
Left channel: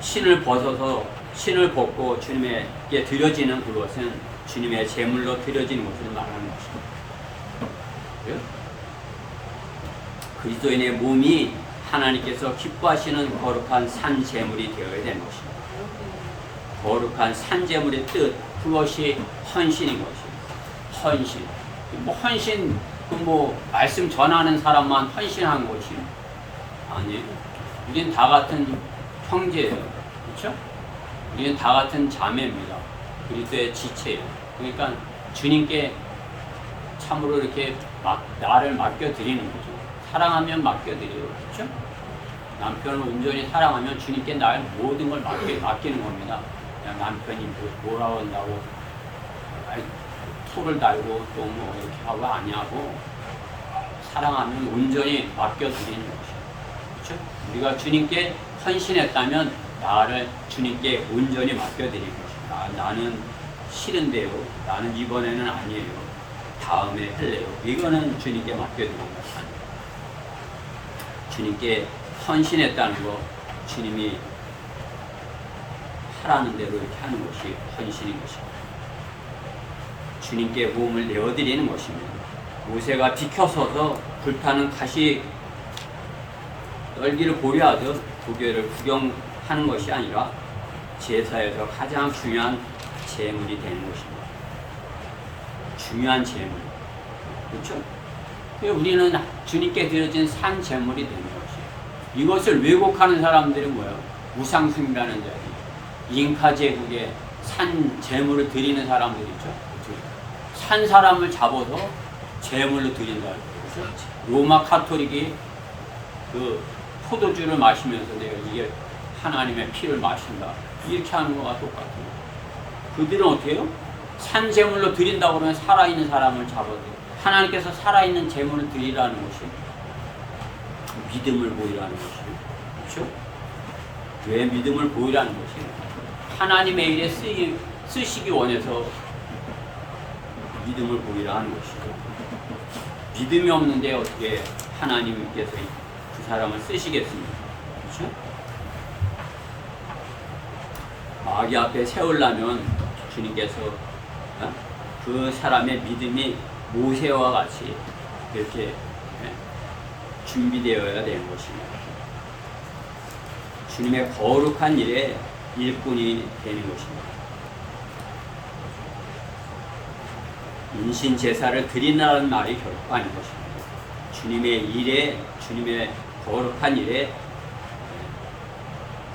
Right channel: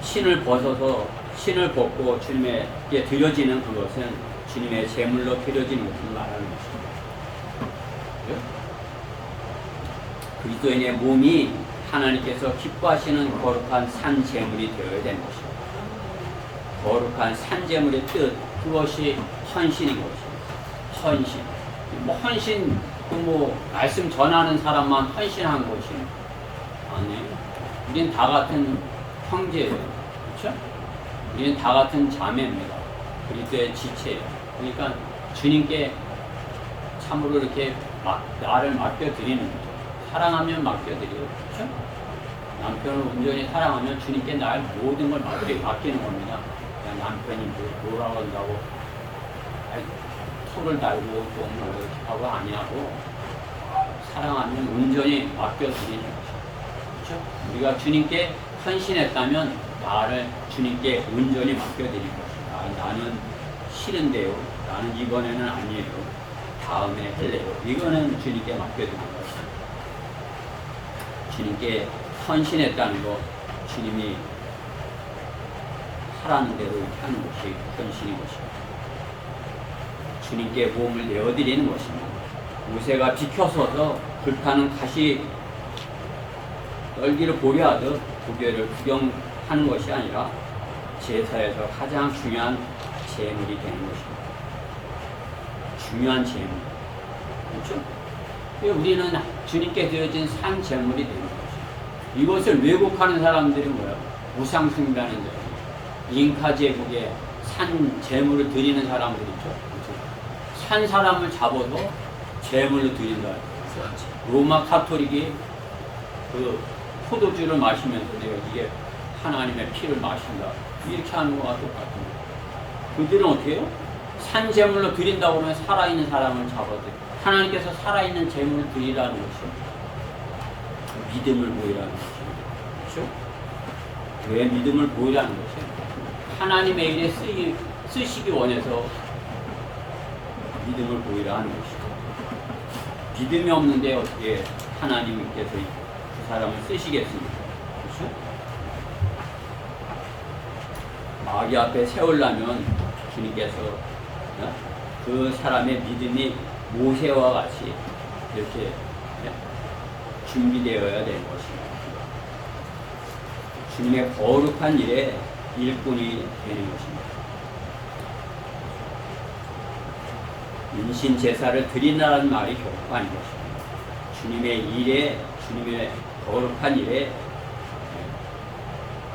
신을 벗고 주님에게 드려지는 그것은 주님의 제물로 드려지는 것을 말하는 것입니다. 그렇죠? 그리스도인의 몸이 하나님께서 기뻐하시는 거룩한 산 제물이 되어야 되는 것입니다. 거룩한 산 제물의 뜻 그것이 헌신인 것입니다. 헌신. 헌신 말씀 전하는 사람만 헌신한 것이 아니에요. 우리는 다 같은 형제예요. 그렇죠? 우리는 다 같은 자매입니다. 그리스도의 지체예요. 그러니까 주님께 참으로 이렇게 나를 맡겨드리는 거죠. 사랑하면 맡겨드려요. 그렇죠? 남편을 온전히 사랑하면 주님께 나의 모든 걸 맡기는 겁니다. 그냥 남편이 뭐라고 한다고 토를 달고 또 이렇게 하고 아니하고 사랑하면 온전히 맡겨드리는 거죠. 그렇죠? 우리가 주님께 헌신했다면 나를 주님께 온전히 맡겨드릴 것이다. 나는 싫은데요. 나는 이번에는 아니에요. 다음에 할래요. 이거는 주님께 맡겨드리는 것이 아니에요. 주님께 헌신했다는 거 주님이 하라는 대로 이렇게 하는 것이 헌신인 것입니다. 주님께 몸을 내어드리는 것입니다. 모세가 비켜서서 불타는 가시 떨기를 보려 하듯 도교를 구경하는 것이 아니라 제사에서 가장 중요한 제물이 되는 것입니다. 중요한 제물. 그렇죠? 우리는 주님께 드려진 산 제물이 되는 것이에요. 이것을 왜곡하는 사람들이 뭐예요? 우상 숭배하는 자예요. 잉카 제국에 산 제물을 드리는 사람들 있죠. 그렇죠? 산 사람을 잡아서 제물로 드린다. 그래서 로마 카톨릭이 그 포도주를 마시면서 내가 이게 하나님의 피를 마신다. 이렇게 하는 거와 똑같은 거예요. 그들은 어떻게 해요? 산 제물로 드린다고 그러면 살아있는 사람을 잡아들여. 하나님께서 살아있는 제물을 드리라는 것이 믿음을 보이라는 것이에요. 그렇죠? 왜 믿음을 보이라는 것이 하나님의 일에 쓰시기 원해서 믿음을 보이라는 것이죠. 믿음이 없는데 어떻게 하나님께서 그 사람을 쓰시겠습니까? 그렇죠? 마귀 앞에 세우려면 주님께서 그 사람의 믿음이 모세와 같이 이렇게 준비되어야 되는 것입니다. 주님의 거룩한 일에 일꾼이 되는 것입니다. 인신 제사를 드리라는 말이 결코 아닌 것입니다. 주님의 일에, 주님의 거룩한 일에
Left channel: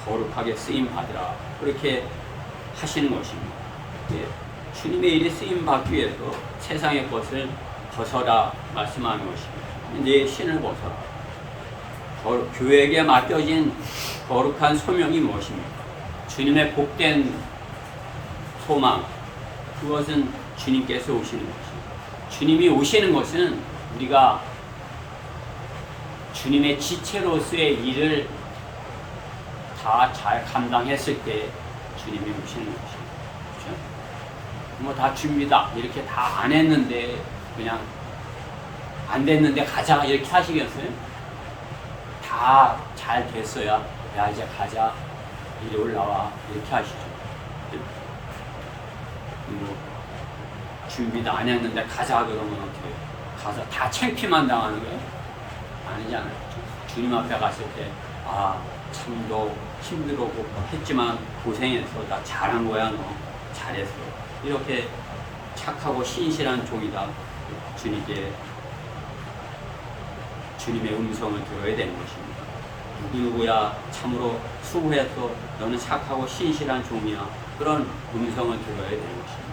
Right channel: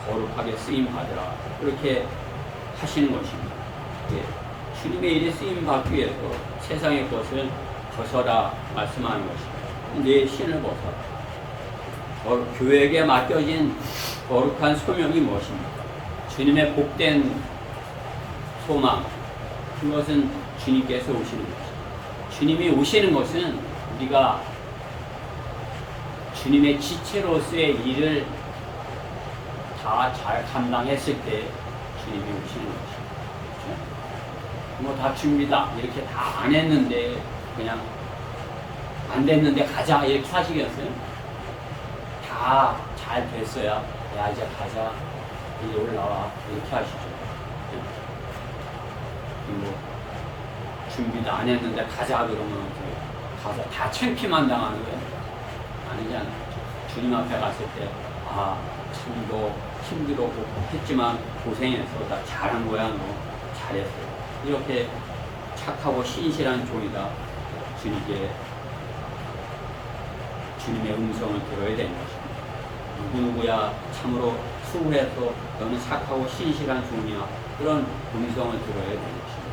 거룩하게 쓰임 받으라. 그렇게 하시는 것입니다. 주님의 일에 쓰임 받기 위해서 세상의 것을 벗어라 말씀하는 것입니다. 내 신을 벗어라. 교회에게 맡겨진 거룩한 소명이 무엇입니까? 주님의 복된 소망, 그것은 주님께서 오시는 것입니다. 주님이 오시는 것은 우리가 주님의 지체로서의 일을 다 잘 감당했을 때 주님이 오시는 것이죠. 그렇죠? 뭐 다 준비다 이렇게 다 안 했는데 그냥 안 됐는데 가자 이렇게 하시겠어요? 다 잘 됐어야 야 이제 가자 이제 올라와 이렇게 하시죠. 뭐 준비도 안 했는데 가자 그러면 어떻게 가서 다 창피만 당하는 거예요? 아니잖아요. 주님 앞에 갔을 때 참 너 힘들었고 했지만 고생했어. 나 잘한 거야. 너 잘했어. 이렇게 착하고 신실한 종이다. 주님의 음성을 들어야 되는 것입니다. 누구누구야 참으로 수고해서 너는 착하고 신실한 종이야. 그런 음성을 들어야 되는 것입니다.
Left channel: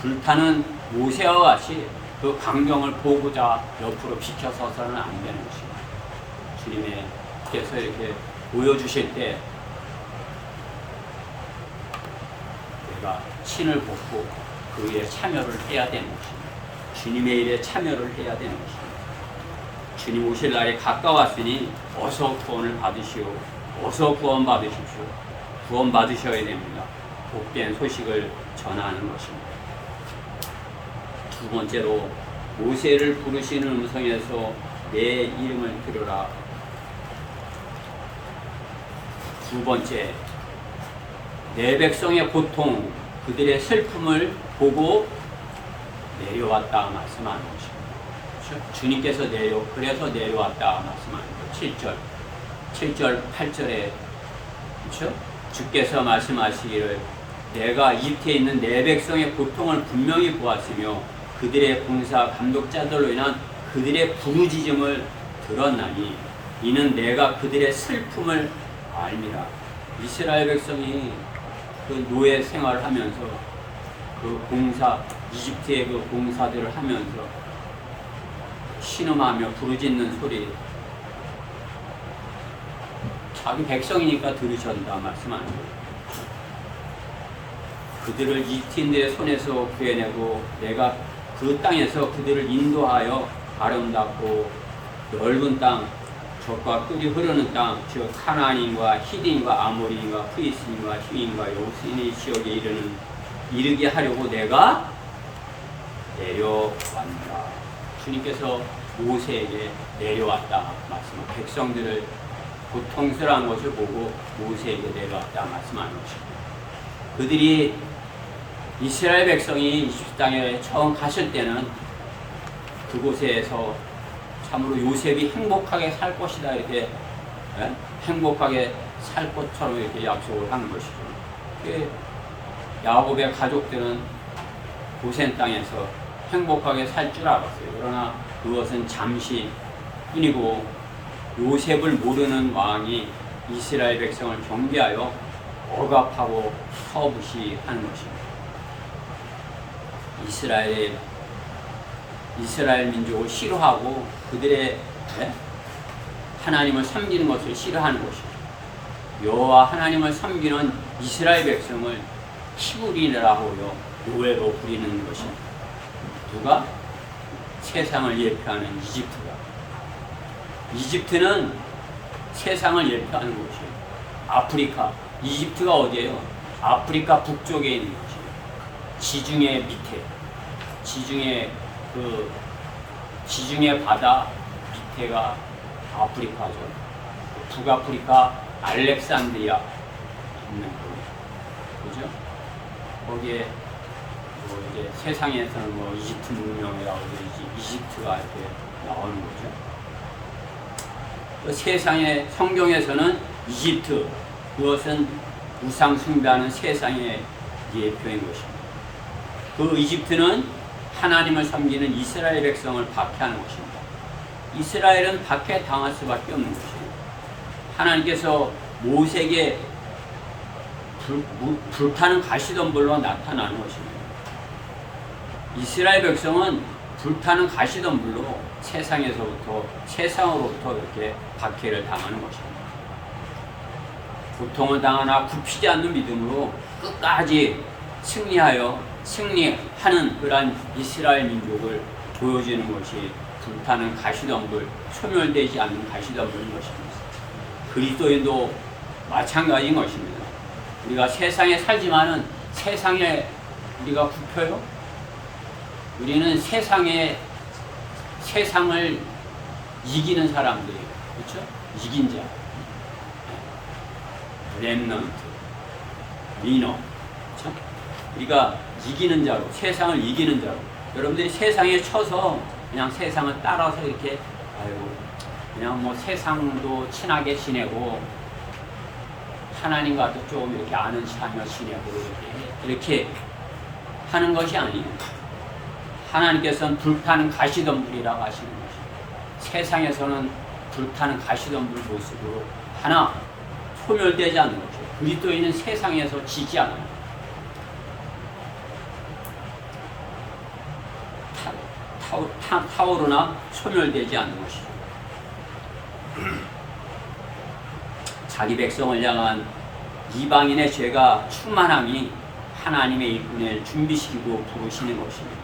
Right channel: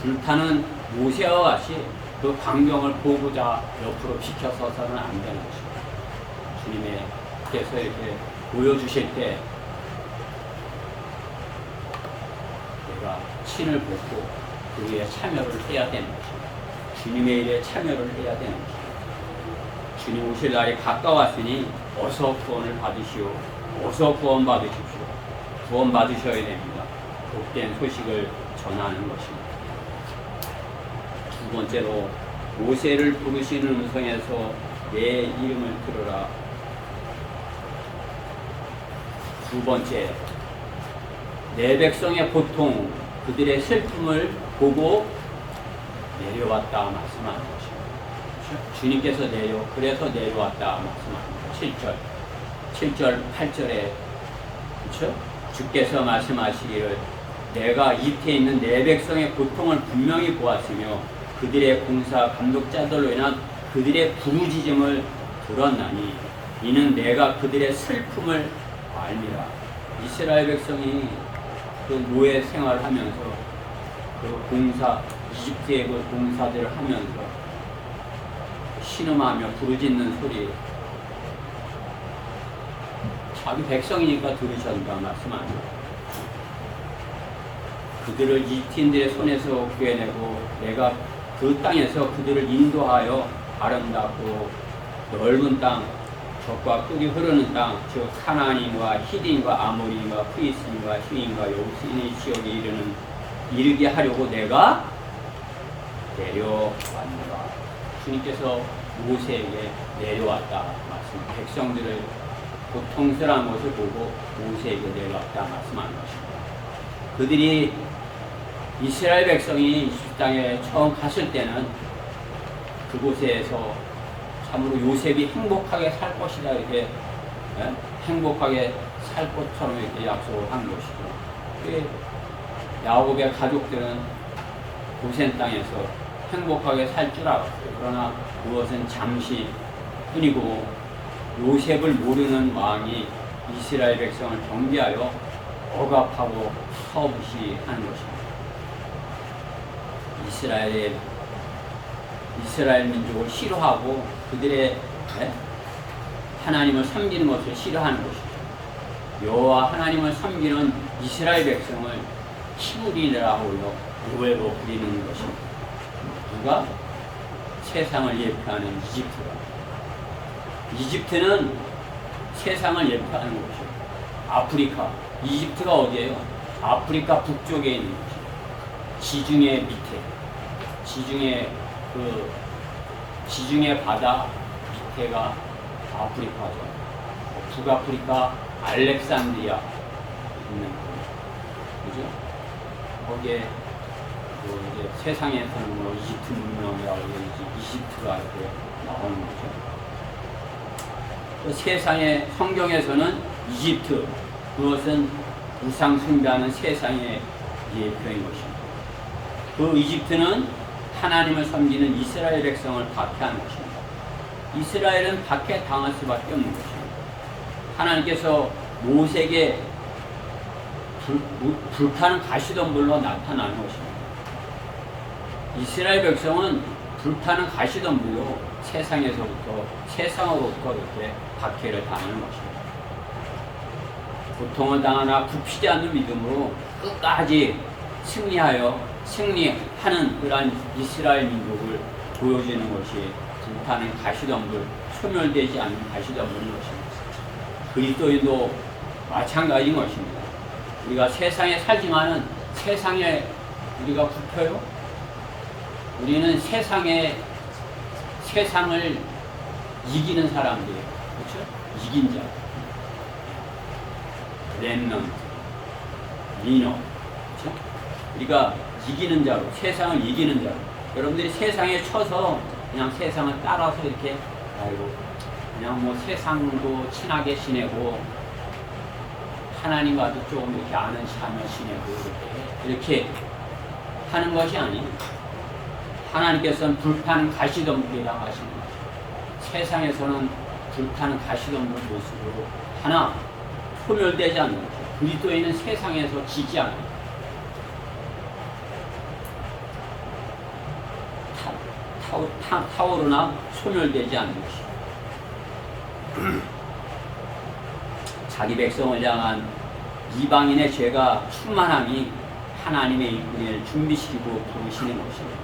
불타는 모세와 같이 그 광경을 보고자 옆으로 비켜서서는 안 되는 것입니다. 주님께서 이렇게 보여주실 때 내가 신을 벗고 그 일에 참여를 해야 되는 것입니다. 주님의 일에 참여를 해야 되는 것입니다. 주님 오실 날이 가까웠으니 어서 구원을 받으시오. 어서 구원 받으십시오. 구원 받으셔야 됩니다. 복된 소식을 전하는 것입니다. 두 번째로 모세를 부르시는 음성에서 내 이름을 들으라. 두 번째, 내 백성의 고통, 그들의 슬픔을 보고 내려왔다 말씀하는 것입니다. 주님께서 그래서 내려왔다 말씀하는 거예요. 7절, 8절에 그렇죠? 주께서 말씀하시기를 내가 이집트에 있는 내 백성의 고통을 분명히 보았으며 그들의 공사 감독자들로 인한 그들의 부르짖음을 들었나니 이는 내가 그들의 슬픔을 알미라. 이스라엘 백성이 그 노예 생활을 하면서 그 공사 이집트의 그 공사들을 하면서 신음하며 부르짖는 소리 자기 백성이니까 들으셨다 말씀하는 거예요. 그들을 이집트인들의 손에서 구해내고 내가 그 땅에서 그들을 인도하여 아름답고 넓은 땅 적과 꿀이 흐르는 땅 즉 카나안인과 히딘과 아모리인과 프리스인과 히윈과 여부스인의 지역에 이르게 하려고 내가 내려왔노라. 주님께서 모세에게 내려왔다 말씀합니다. 백성들을 고통스러운 것을 보고 모세에게 내려왔다 말씀하는 것입니다. 그들이 이스라엘 백성이 이집트 땅에 처음 갔을 때는 그곳에서 참으로 요셉이 행복하게 살 것이다 이렇게 행복하게 살 것처럼 이렇게 약속을 한 것이죠. 야곱의 가족들은 고센 땅에서 행복하게 살 줄 알았어요. 그러나 그것은 잠시 뿐이고 요셉을 모르는 왕이 이스라엘 백성을 경비하여 억압하고 서부시하는 것입니다. 이스라엘 민족을 싫어하고 그들의 하나님을 섬기는 것을 싫어하는 것입니다. 여호와 하나님을 섬기는 이스라엘 백성을 히브리라 하고요 노예로 부리는 것입니다. 누가? 세상을 예표하는 이집트가. 이집트는 세상을 예표하는 곳이에요. 아프리카. 이집트가 어디예요? 아프리카 북쪽에 있는 곳이에요. 지중해 밑에. 지중해 바다 밑에가 아프리카죠. 북아프리카 알렉산드리아 있는 곳. 그죠? 거기에 이제 세상에서는 이집트 문명이라고 이집트가 이렇게 나오는 거죠. 또 세상의 성경에서는 이집트 그것은 우상 숭배하는 세상의 예표인 것입니다. 그 이집트는 하나님을 섬기는 이스라엘 백성을 박해하는 것입니다. 이스라엘은 박해당할 수밖에 없는 것이에요. 하나님께서 모세에게 불타는 가시덤불로 나타나는 것입니다. 이스라엘 백성은 불타는 가시덤불로 세상으로부터 이렇게 박해를 당하는 것입니다. 고통을 당하나 굽히지 않는 믿음으로 끝까지 승리하는 그러한 이스라엘 민족을 보여주는 것이 불타는 가시덤불, 소멸되지 않는 가시덤불인 것입니다. 그리스도인도 마찬가지인 것입니다. 우리가 세상에 살지만은 세상에 우리가 굽혀요. 우리는 세상을 이기는 사람들이에요. 그렇죠? 이긴 자. 렘넌트, 미너. 그렇죠? 우리가 이기는 자로, 세상을 이기는 자로. 여러분들이 세상에 쳐서 그냥 세상을 따라서 이렇게 아이고 그냥 뭐 세상도 친하게 지내고 하나님과도 조금 이렇게 아는 체하며 지내고 이렇게 하는 것이 아니에요. 하나님께서는 불타는 가시덤불이라고 하시는 것이죠. 세상에서는 불타는 가시덤불 모습으로 하나 소멸되지 않는 것이죠. 그리스도인은 세상에서 지지 않아요. 타오르나 소멸되지 않는 것이죠. 자기 백성을 향한 이방인의 죄가 충만함이 하나님의 일꾼을 준비시키고 부르시는 것입니다.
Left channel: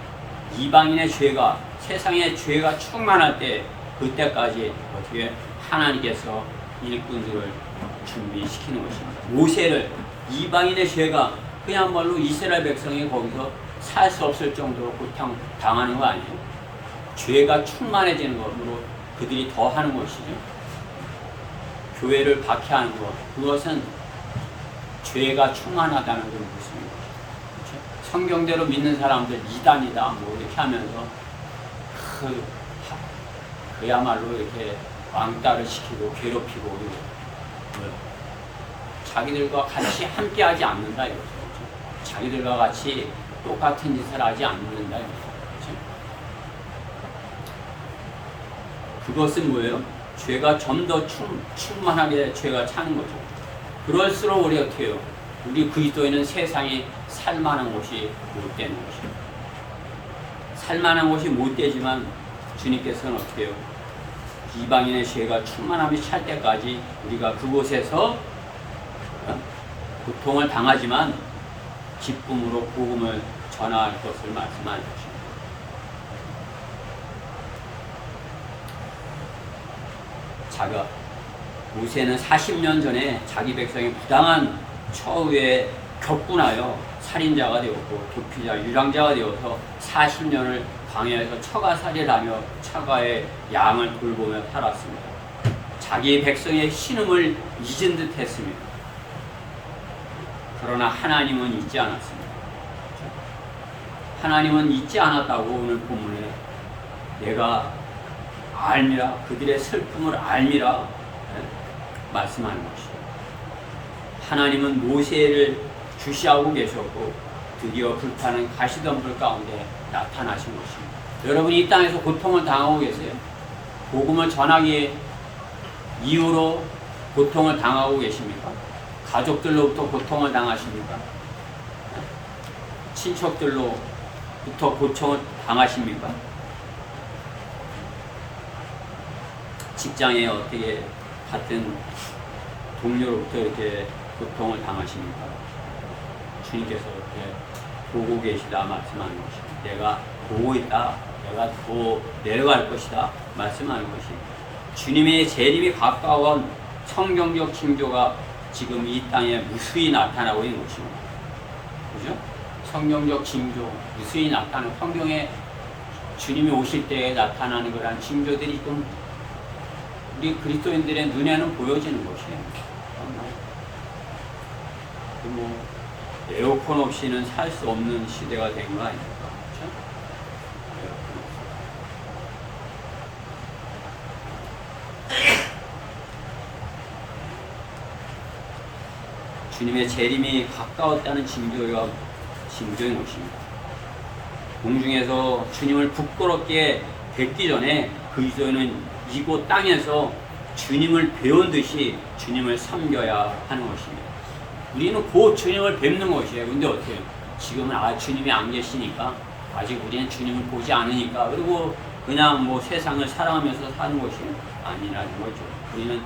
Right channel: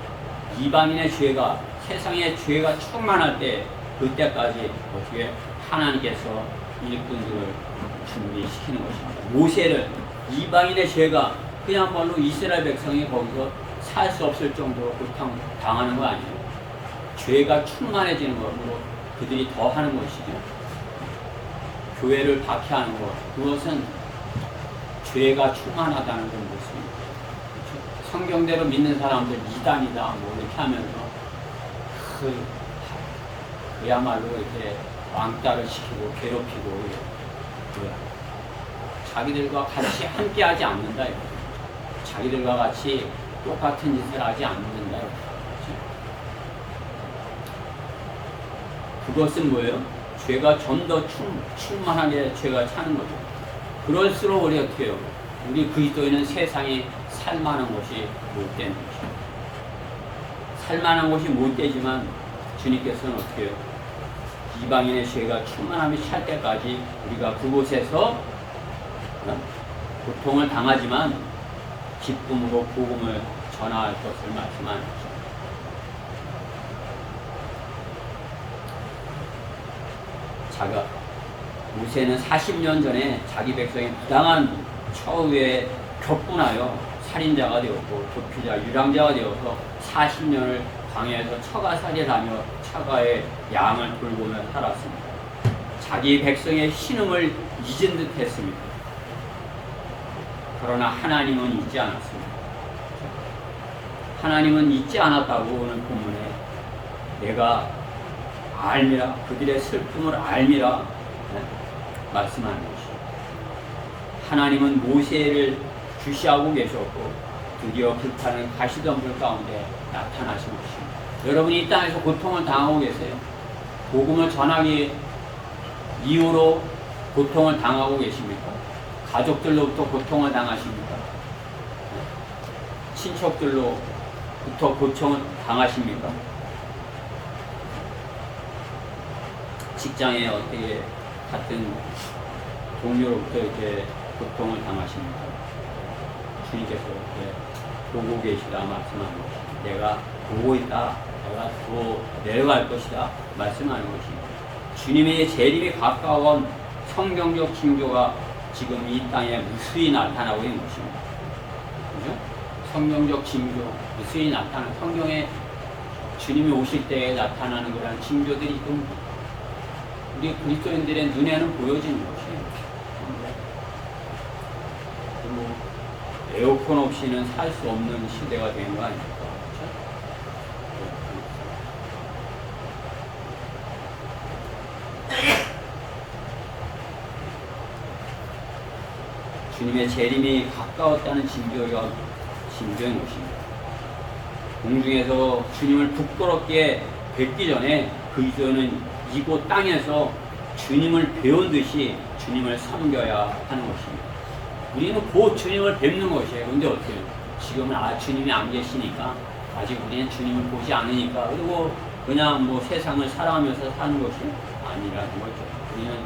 이방인의 죄가, 세상의 죄가 충만할 때 그때까지 어떻게 하나님께서 일꾼들을 준비시키는 것입니다. 모세를 이방인의 죄가 그야말로 이스라엘 백성이 거기서 살 수 없을 정도로 고통 당하는 거 아니에요? 죄가 충만해지는 것으로 그들이 더 하는 것이죠. 교회를 박해하는 것, 그것은 죄가 충만하다는 그런 모습입니다. 그렇죠? 성경대로 믿는 사람들 이단이다 뭐 이렇게 하면서 그야말로 이렇게 왕따를 시키고 괴롭히고 이거 자기들과 같이 함께하지 않는다 이거죠. 그렇죠? 자기들과 같이 똑같은 짓을 하지 않는다 이거죠. 그렇죠? 그것은 뭐예요? 죄가 좀 더 충만하게 죄가 차는 거죠. 그럴수록 우리 어떻게 해요? 우리 그리스도인은 세상에 살만한 것이 못 되는 것이에요. 살만한 것이 못 되지만 주님께서는 어떻게 해요? 이방인의 죄가 충만함이 찰 때까지 우리가 그곳에서 고통을 당하지만 기쁨으로 복음을 전할 것을 말씀하는 것입니다. 모세는 40년 전에 자기 백성이 부당한 처우에 격분하여 살인자가 되었고 도피자, 유랑자가 되어서 40년을 광야에서 처가살이를 하며 처가의 양을 돌보며 살았습니다. 자기 백성의 신음을 잊은 듯 했습니다. 그러나 하나님은 잊지 않았습니다. 하나님은 잊지 않았다고 오늘 본문에 내가 알미라, 그들의 슬픔을 알미라 말씀하는 것이죠. 하나님은 모세를 주시하고 계셨고 드디어 불타는 가시덤불 가운데 나타나신 것입니다. 여러분이 이 땅에서 고통을 당하고 계세요. 복음을 전하기 이후로 고통을 당하고 계십니까? 가족들로부터 고통을 당하십니까? 친척들로부터 고통을 당하십니까? 직장에 어떻게 같은 동료로부터 이렇게 고통을 당하십니까? 주님께서 이렇게 보고 계시다 말씀하는 것입니다. 내가 보고 있다. 내가 또 내려갈 것이다 말씀하는 것입니다. 주님의 재림이 가까운 성경적 징조가 지금 이 땅에 무수히 나타나고 있는 것입니다. 그죠? 성경적 징조, 무수히 나타나는 성경에 주님이 오실 때에 나타나는 그런 징조들이 좀 우리 그리스도인들의 눈에는 보여지는 것이에요. 뭐 에어컨 없이는 살 수 없는 시대가 된 거 아닙니까? 그렇죠? 주님의 재림이 가까웠다는 징조인 것입니다. 공중에서 주님을 부끄럽게 뵙기 전에 그리스도인은 이곳 땅에서 주님을 배운 듯이 주님을 섬겨야 하는 것입니다. 우리는 곧 주님을 뵙는 것이에요. 근데 어떻게 해요? 지금은 주님이 안 계시니까 아직 우리는 주님을 보지 않으니까 그리고 그냥 뭐 세상을 사랑하면서 사는 것이 아니라는 거죠. 우리는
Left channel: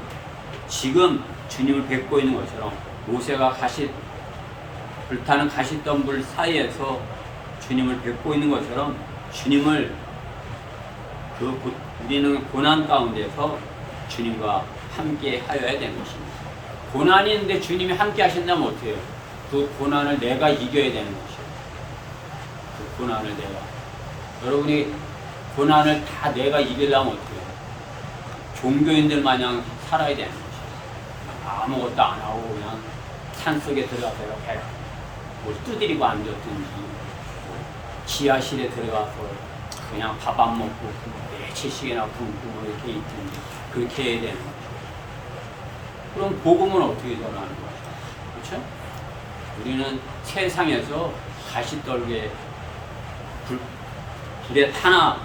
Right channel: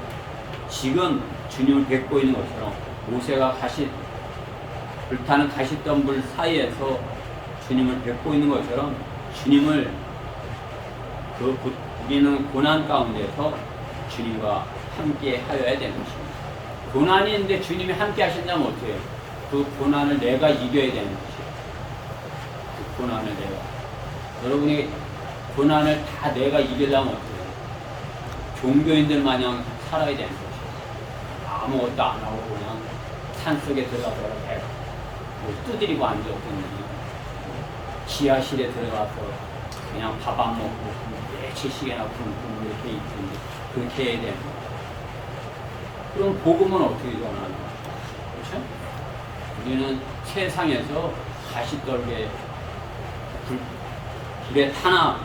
지금 주님을 뵙고 있는 것처럼 모세가 불타는 가시덤불 사이에서 주님을 뵙고 있는 것처럼 주님을 우리는 고난 가운데서 주님과 함께 하여야 되는 것입니다. 고난이 있는데 주님이 함께 하신다면 어때요? 그 고난을 내가 이겨야 되는 것이에요. 그 고난을 내가. 여러분이 고난을 다 내가 이기려면 어때요? 종교인들 마냥 살아야 되는 것이에요. 아무것도 안 하고 그냥 산속에 들어가서 배가 뭐 두드리고 앉았든지 지하실에 들어가서 그냥 밥 안 먹고 며칠씩이나 굶고 뭐 이렇게 있든지 그렇게 해야 되는 거예요. 그럼 복음은 어떻게 전하는 거예요? 그렇죠? 우리는 세상에서 가시떨게 불에 타나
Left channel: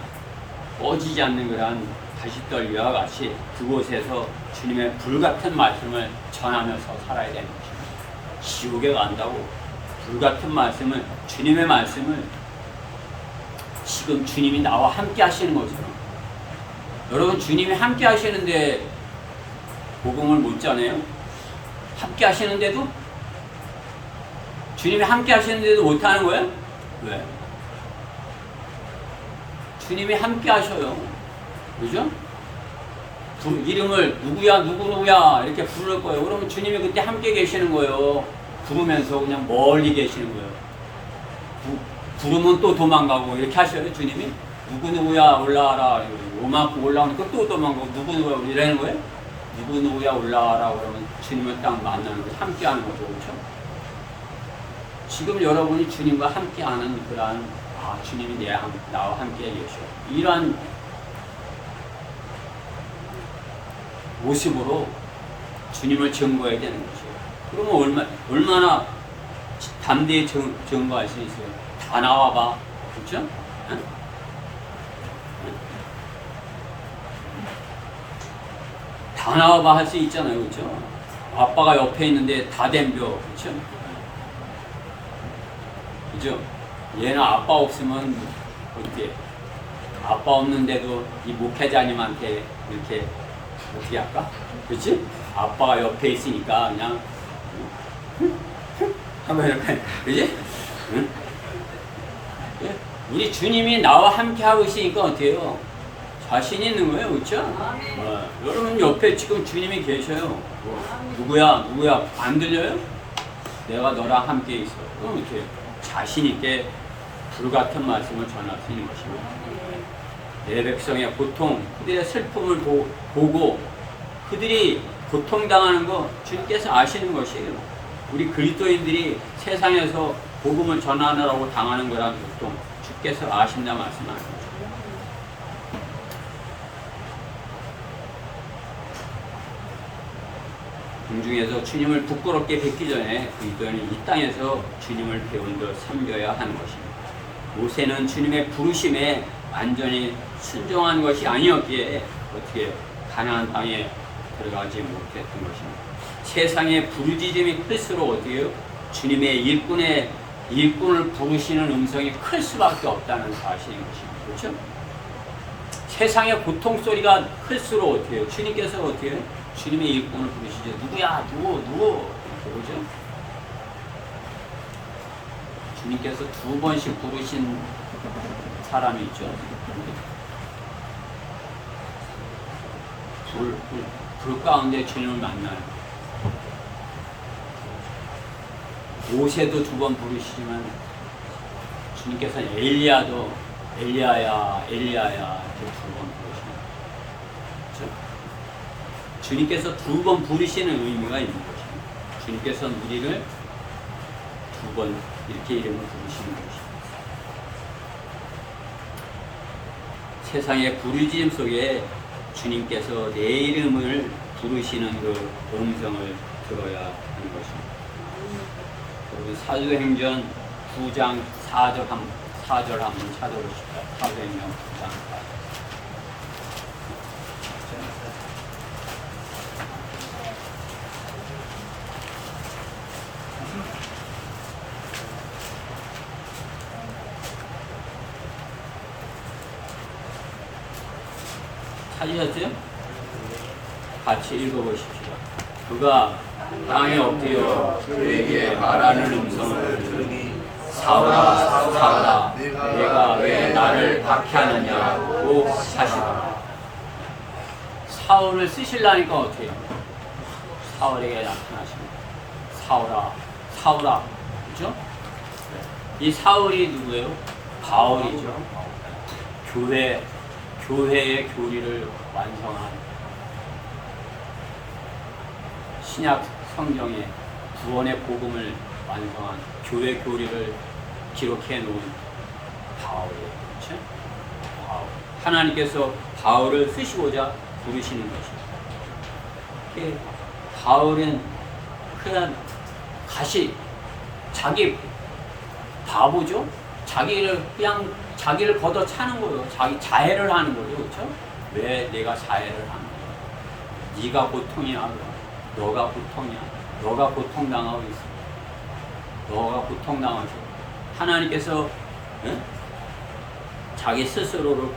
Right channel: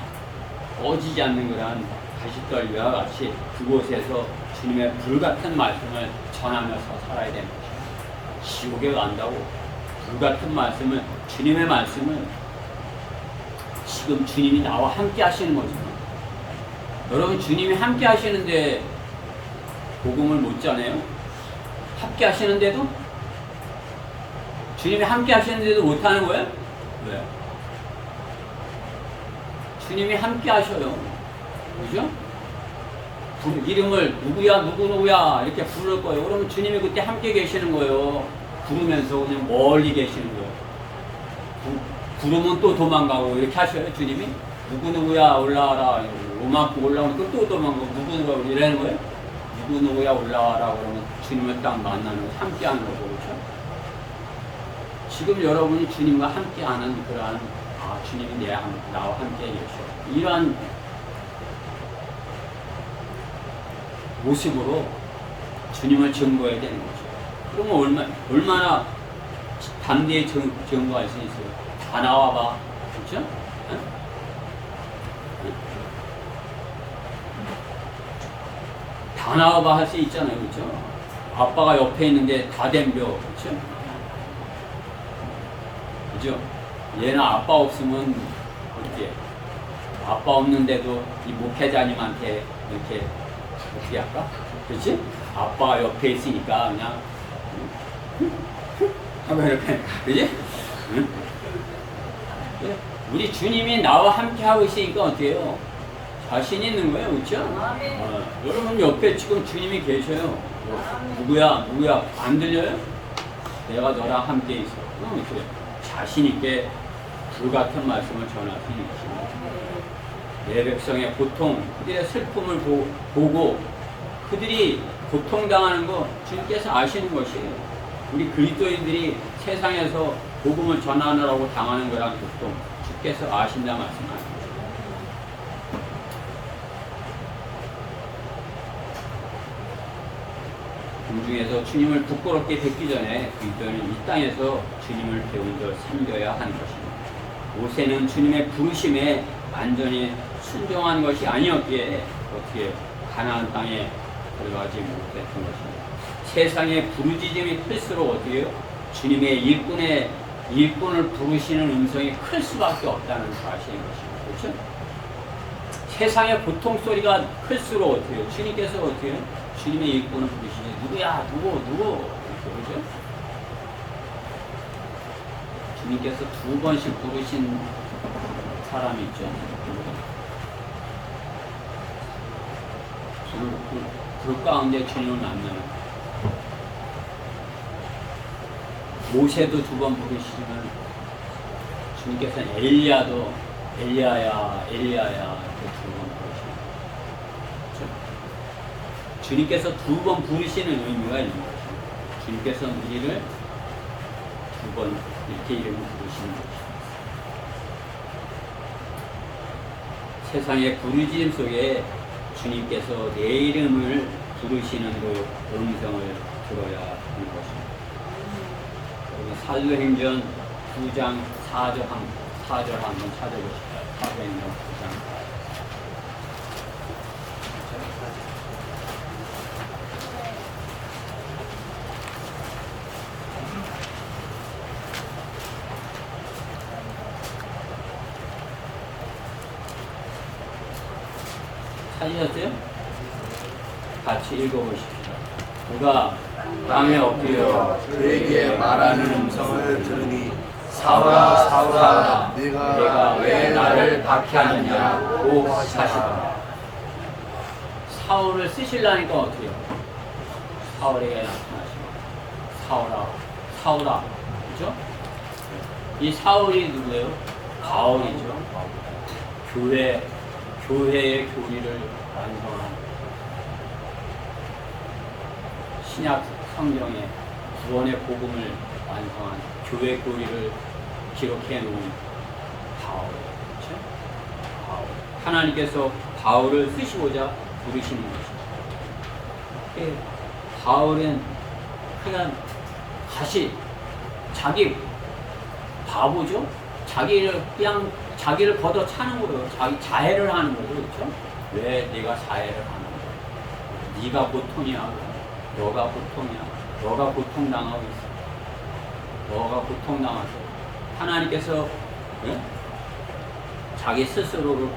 꺼지지 않는 그런 가시떨기와 같이 그곳에서 주님의 불같은 말씀을 전하면서 살아야 되는 것입니다. 지옥에 간다고 불같은 말씀을, 주님의 말씀을 지금 주님이 나와 함께 하시는 거죠. 여러분, 주님이 함께 하시는데 복음을 못 전해요? 함께 하시는데도? 주님이 함께 하시는데도 못 하는 거예요? 왜? 주님이 함께 하셔요. 그죠? 이름을 누구야 이렇게 부를 거예요. 그러면 주님이 그때 함께 계시는 거예요. 부르면서 그냥 멀리 계시는 거예요. 부르면 또 도망가고 이렇게 하셔요. 주님이 누구야 올라와라, 요만큼 올라오니까 또 도망가고 누구야 이러는 거예요. 누구야 올라와라 그러면 주님을 딱 만나는 거죠. 함께 하는 거죠. 그렇죠? 지금 여러분이 주님과 함께 하는 그러한 주님이 나와 함께 계셔. 이러한 모습으로 주님을 증거해야 되는 것이에요. 그러면 얼마나 담대히 증거할 수 있어요. 다 나와봐. 그렇죠? 응? 응? 다 나와봐 할 수 있잖아요. 그렇죠? 아빠가 옆에 있는데 다 덤벼. 그렇죠? 그죠? 얘는 아빠 없으면 어떻게? 아빠 없는데도 이 목회자님한테 이렇게 어떻게 할까? 그렇지? 아빠가 옆에 있으니까 그냥 하면 이렇게, 그렇지? 응? 우리 주님이 나와 함께 하고 있으니까 어떻게 해요? 자신 있는 거예요. 그렇죠? 여러분 옆에 지금 주님이 계셔요. 누구야? 안 들려요? 내가 너랑 함께 있어. 그럼 어떻게 해요? 자신 있게 불같은 말씀을 전할 수 있는 것입니다. 내 백성의 고통, 그들의 슬픔을 보고 그들이 고통당하는 거 주님께서 아시는 것이에요. 우리 그리스도인들이 세상에서 복음을 전하느라고 당하는 거란 고통 주께서 아신다 말씀하는 거예요. 공중에서 주님을 부끄럽게 뵙기 전에 그리스도인은 이 땅에서 주님을 배운저 섬겨야 하는 것입니다. 모세는 주님의 부르심에 완전히 순종한 것이 아니었기에 어떻게 가나안 땅에 들어가지 못했던 것입니다. 세상의 부르짖음이 클수록 어떻게 주님의 일꾼을 부르시는 음성이 클 수밖에 없다는 사실인 것입니다. 그렇죠? 세상의 고통 소리가 클수록 어떻게 해요? 주님께서 어떻게 해요? 주님의 일꾼을 부르시죠. 누구야? 누구? 이렇게, 그죠? 주님께서 2번씩 부르신 사람이 있죠. 불 가운데 주님을 만나는. 모세도 2번 부르시지만 주님께서는 엘리야야 이렇게 2번 부르시는. 그렇죠? 주님께서 2번 부르시는 의미가 있는 것입니다. 주님께서 우리를 2번 이렇게 이름을 부르시는 것입니다. 세상의 부르짖음 속에 주님께서 내 이름을 부르시는 그 음성을 들어야 하는 것입니다. 여러분 사도행전 9장 4절 한번 찾아보십시오. 사도행전 9장 4절. 찾으셨어요? 같이 읽어보십시오. 그가 땅에 엎드려 그에게 말하는 음성을 들으니 사울아 사울아 내가 왜 나를 박해하느냐고 하시더라. 사울을 쓰시려니까 어떻게 해요? 사울에게 나타나신 것. 사울아, 사울아, 그죠? 이 사울이 누구예요? 바울이죠. 교회의 교리를 완성한 신약 성경의 구원의 복음을 완성한 교회 교리를 기록해 놓은 바울이에요. 그렇죠? 바울. 하나님께서 바울을 쓰시고자 부르시는 것입니다. 바울은 그냥 자기 바보죠? 자기를 걷어 차는 거예요. 자기 자해를 하는 거죠. 그렇죠? 왜 내가 자해를 하는 거야? 네가 고통이야. 너가 고통이야. 너가 고통당하고 있어. 너가 고통당해서 하나님께서 자기 스스로를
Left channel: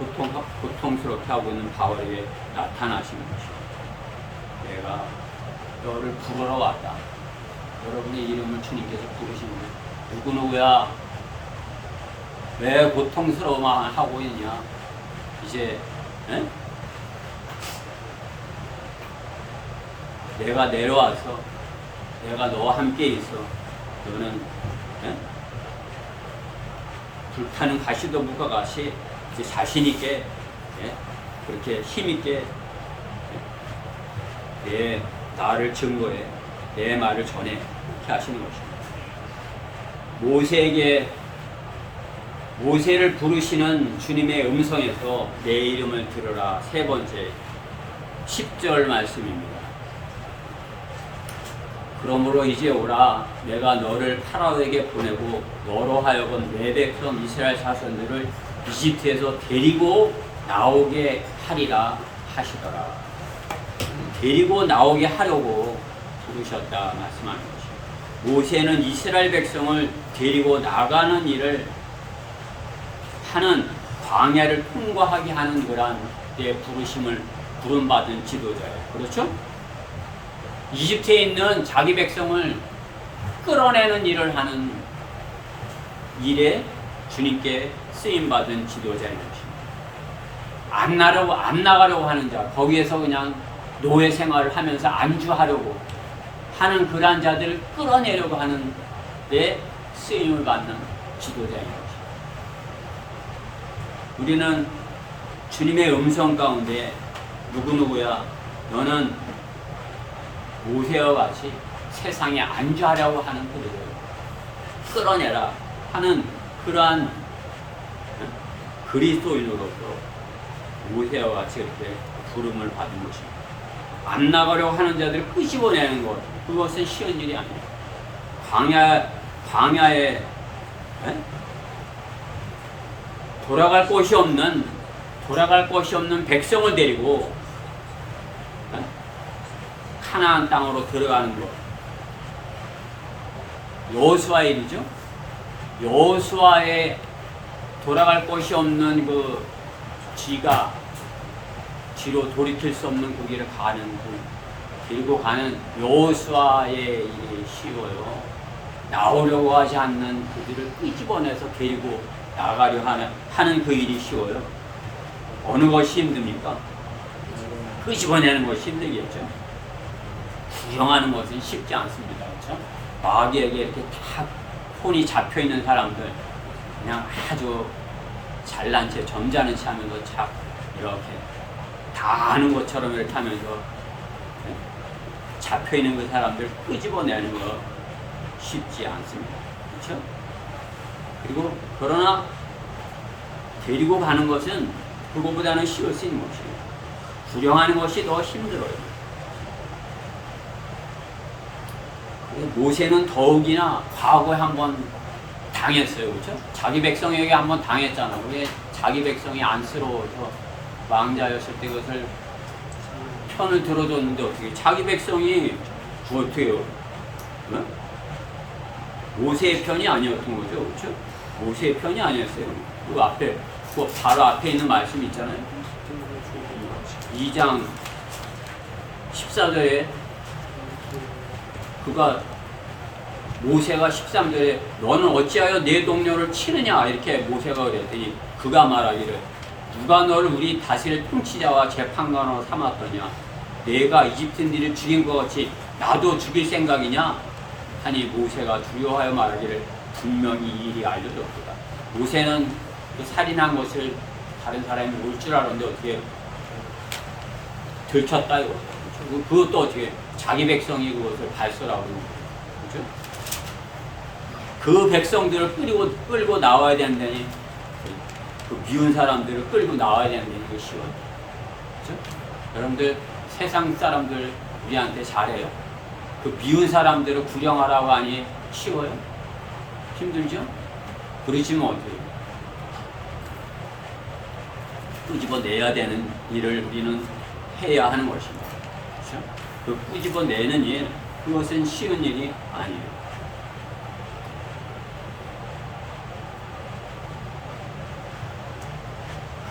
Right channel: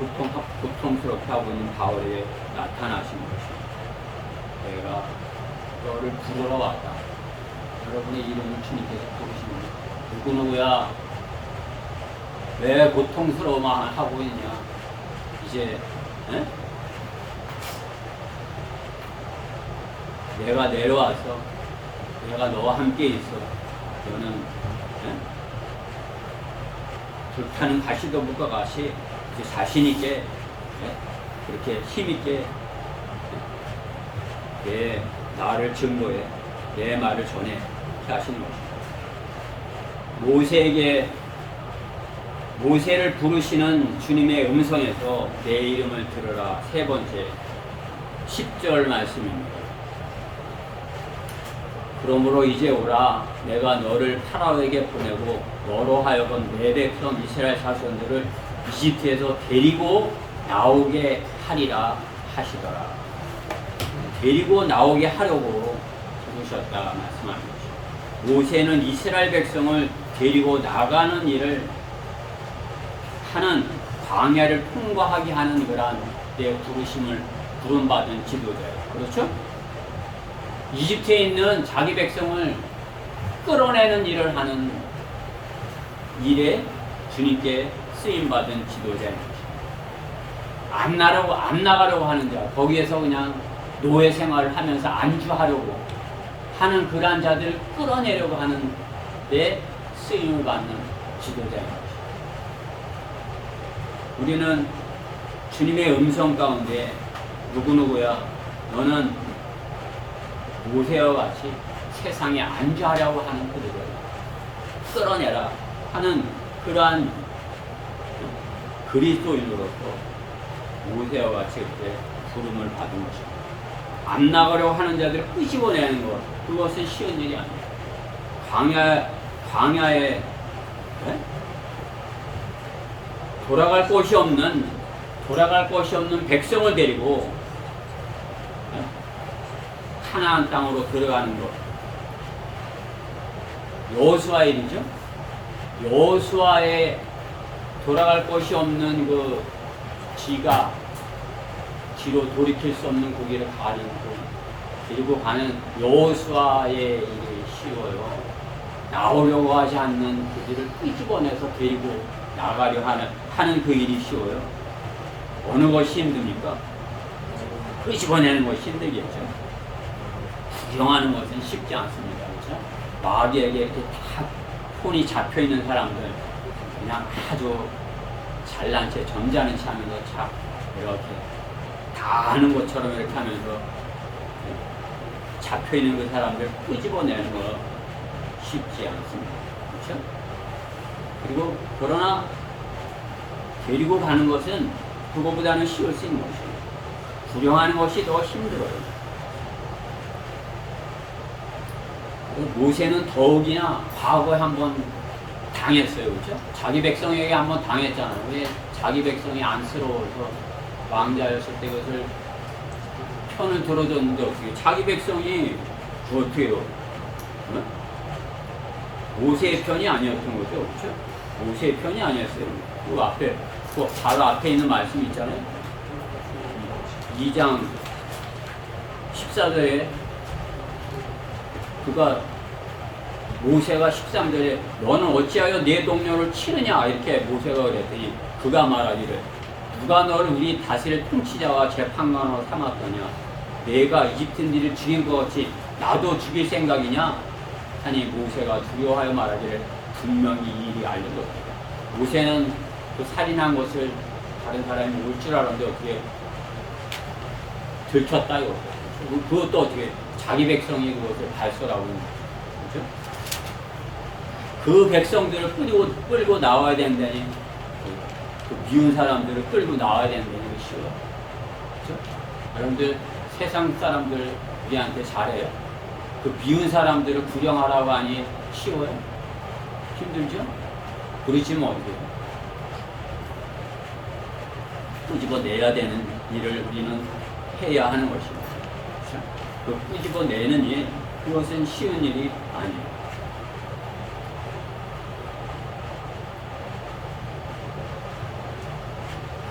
고통스럽게 하고 있는 바울에게 나타나신 것입니다. 내가 너를 부르러 왔다. 여러분의 이름을 주님께서 부르시는데 누구누구야? 왜 고통스러워만 하고 있냐? 이제 내가 내려와서 내가 너와 함께 있어. 너는 불타는 가시덤불과 같이 이제 자신 있게 그렇게 힘 있게 내 나를 증거해 내 말을 전해 이렇게 하시는 것입니다. 모세를 부르시는 주님의 음성에서 내 이름을 들으라. 세 번째 10절 말씀입니다. 그러므로 이제 오라. 내가 너를 파라오에게 보내고 너로 하여금 내 백성 이스라엘 자손들을 이집트에서 데리고 나오게 하리라 하시더라. 데리고 나오게 하려고 부르셨다 말씀하는 것입니다. 모세는 이스라엘 백성을 데리고 나가는 일을 하는 광야를 통과하게 하는 그러한 내 부르심을 부름받은 지도자예요. 그렇죠? 이집트에 있는 자기 백성을 끌어내는 일을 하는 일에 주님께 쓰임받은 지도자인 것입니다. 안 나가려고 하는 자, 거기에서 그냥 노예 생활을 하면서 안주하려고 하는 그러한 자들을 끌어내려고 하는 데 쓰임을 받는 지도자인 것입니다. 우리는 주님의 음성 가운데 누구누구야 너는 모세와 같이 세상에 안주하려고 하는 그들을 끌어내라 하는 그러한 그리스도인으로서 모세와 같이 이렇게 부름을 받은 것입니다. 안 나가려고 하는 자들을 끄집어내는 것, 그것은 쉬운 일이 아닙니다. 광야에 돌아갈 곳이 없는 백성을 데리고 가나안 땅으로 들어가는 것. 여호수아의 일이죠. 여호수아의 돌아갈 곳이 없는 그 지로 돌이킬 수 없는 그 길을 데리고 가는 여호수아의 일이 쉬워요. 나오려고 하지 않는 그들을 끄집어내서 데리고 나가려 하는 그 일이 쉬워요. 어느 것이 힘듭니까? 끄집어내는 것이 힘들겠죠. 구경하는 것은 쉽지 않습니다. 그렇죠? 마귀에게 이렇게 다 폰이 잡혀 있는 사람들, 그냥 아주 잘난 채, 점잖은 채 하면서 착 이렇게 다 아는 것처럼 이렇게 하면서 잡혀 있는 그 사람들 끄집어내는 거 쉽지 않습니다. 그렇죠? 그리고 그러나 데리고 가는 것은 그거보다는 쉬울 수 있는 것입니다. 구경하는 것이 더 힘들어요. 모세는 더욱이나 과거에 한번 당했어요. 그렇죠? 자기 백성에게 한번 당했잖아요. 왜 자기 백성이 안쓰러워서 왕자였을 때 그것을 편을 들어줬는데 어떻게 자기 백성이 어떻게 해요? 모세의 편이 아니었던 거죠. 그렇죠? 모세의 편이 아니었어요. 그 바로 앞에 있는 말씀이 있잖아요. 2장 14절에 모세가 13절에 너는 어찌하여 내 동료를 치느냐 이렇게 모세가 그랬더니 그가 말하기를 누가 너를 우리 다스릴 통치자와 재판관으로 삼았더냐 내가 이집트인들을 죽인 것 같이 나도 죽일 생각이냐? 하니 모세가 두려워하여 말하기를 분명히 이 일이 알려졌도다. 모세는 그 살인한 것을 다른 사람이 올 줄 알았는데 어떻게 들켰다 이거죠. 그렇죠? 그것도 어떻게 자기 백성이 그것을 발설하고 있는 거죠. 그렇죠? 그 백성들을 끌고 나와야 된다니 그 미운 사람들을 끌고 나와야 된다니 이게 쉬워요. 그렇죠? 여러분들 세상 사람들 우리한테 잘해요. 그 미운 사람들을 구령하라고 하니 쉬워요? 힘들죠? 그렇지만 어때요? 끄집어내야 되는 일을 우리는 해야 하는 것입니다. 그렇죠? 그 끄집어내는 일, 그것은 쉬운 일이 아니에요.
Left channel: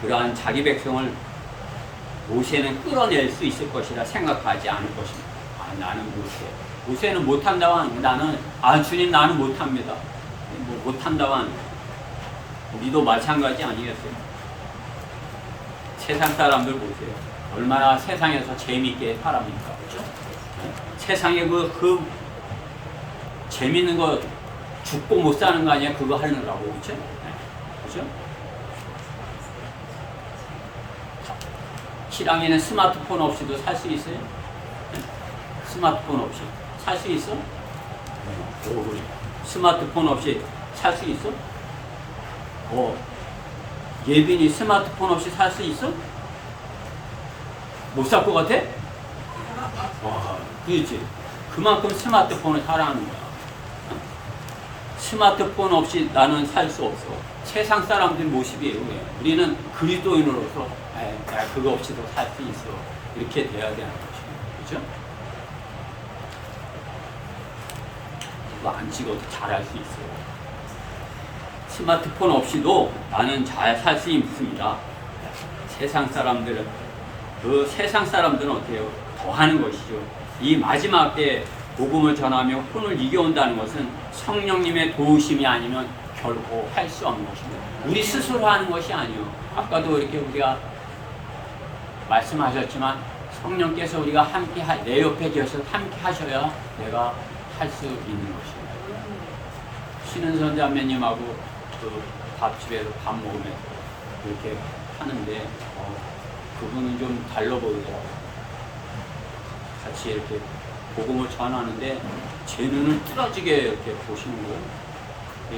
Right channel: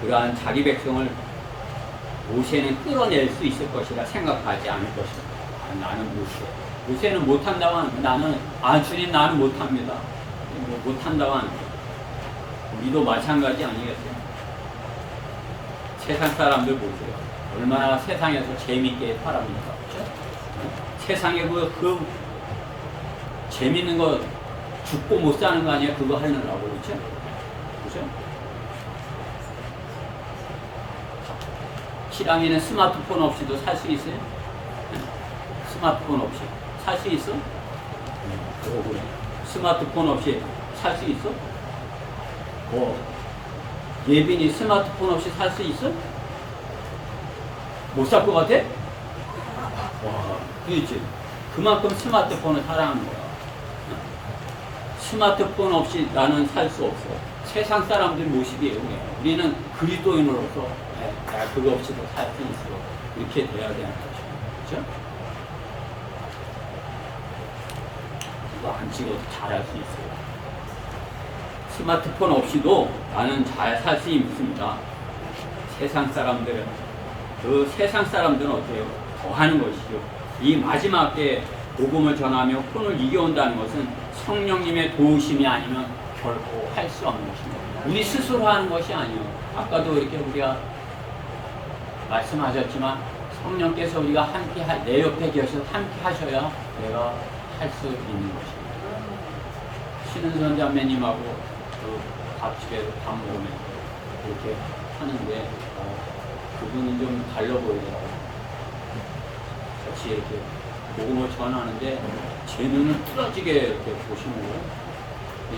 그러한 자기 백성을 모세는 끌어낼 수 있을 것이라 생각하지 않을 것입니다. 나는 모세는 못한다고 하는 거예요. 주님 나는 못합니다. 못한다고 하는 거예요. 우리도 마찬가지 아니겠어요? 세상 사람들 보세요. 얼마나 세상에서 재미있게 살아갑니까? 그렇죠? 세상에 그 재밌는 거 죽고 못 사는 거 아니야? 그거 하느라고. 그렇죠? 그렇죠? 실황에는 스마트폰 없이도 살 수 있어요? 스마트폰 없이 살 수 있어? 그래. 스마트폰 없이 살 수 있어? 예빈이 스마트폰 없이 살 수 있어? 못 살 것 같아? 와, 그렇지. 그만큼 스마트폰을 사랑하는 거야. 스마트폰 없이 나는 살 수 없어. 세상 사람들 모습이에요. 우리는 그리스도인으로서 그거 없이도 살 수 있어. 이렇게 돼야 되는 것입니다. 그렇죠? 이거 안 찍어도 잘할 수 있어요. 스마트폰 없이도 나는 잘 살 수 있습니다. 세상 사람들은 어때요? 더 하는 것이죠. 이 마지막 때 복음을 전하며 혼을 이겨온다는 것은 성령님의 도우심이 아니면 결코 할 수 없는 것입니다. 우리 스스로 하는 것이 아니요. 아까도 이렇게 우리가 말씀하셨지만 성령께서 우리가 함께 내 옆에 계셔서 함께 하셔야 내가 할 수 있는 것입니다. 신은 선자매님하고 그 밥집에서 밥 먹으면서 그렇게 하는데 그분은 좀 달라 보이더라고요. 같이 이렇게 복음을 전하는데 제 눈을 뚫어지게 이렇게 보시는 거예요.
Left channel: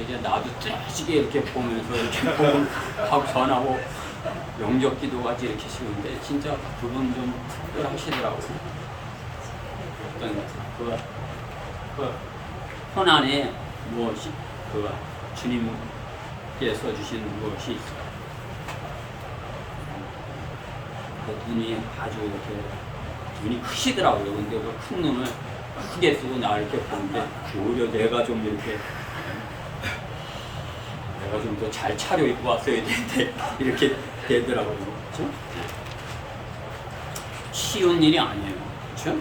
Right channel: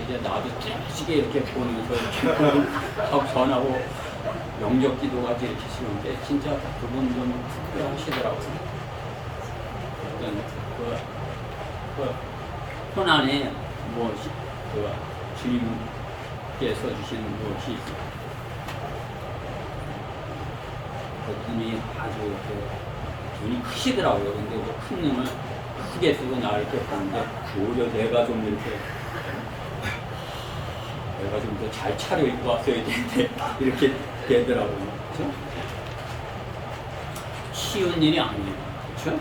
이제 나도 뚫어지게 이렇게 보면서 이렇게 복음하고 전하고 영적 기도 같이 이렇게 시는데 진짜 그분 좀 특별하시더라고요. 어떤 그 손안에 무엇이 주님께서 주신 무엇이 있어요. 그 눈이 아주 이렇게 눈이 크시더라고요. 근데 그 큰 눈을 크게 쓰고 나를 이렇게 보는데 오히려 내가 좀 더 잘 차려입고 왔어야 되는데 이렇게 되더라고요. 그렇죠? 쉬운 일이 아니에요. 그렇죠?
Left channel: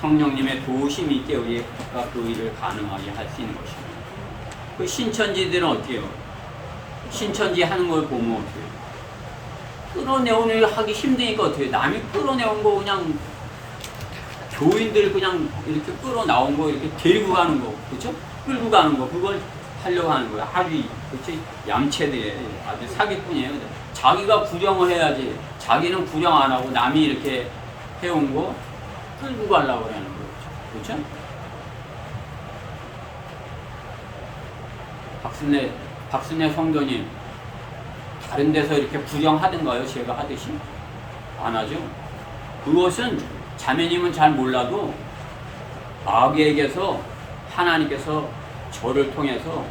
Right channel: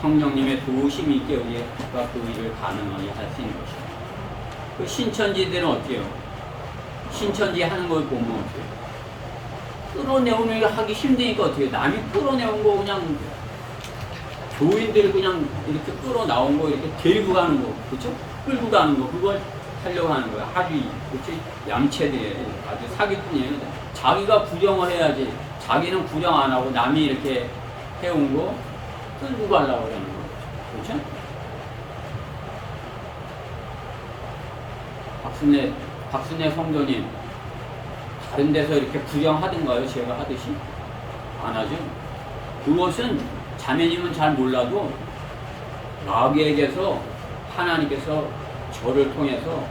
성령님의 도우심이 있게 우리가 그 일을 가능하게 할 수 있는 것입니다. 그 신천지들은 어때요? 신천지 하는 걸 보면 어때요? 끌어내오는 일 하기 힘드니까 어떻게 해요? 남이 끌어내온 거 그냥 교인들 그냥 이렇게 끌어나온 거 이렇게 데리고 가는 거, 그렇죠? 끌고 가는 거, 그걸 하려고 하는 거예요. 아주 그렇지 얌체들 아주 사기꾼이에요. 자기가 구령을 해야지. 자기는 구령 안 하고 남이 이렇게 해온 거 끌고 가려고 하는 거죠. 그렇죠? 박순애 성도님 다른 데서 이렇게 구경하던가요? 제가 하듯이? 안 하죠. 그것은 자매님은 잘 몰라도 마귀에게서 하나님께서 저를 통해서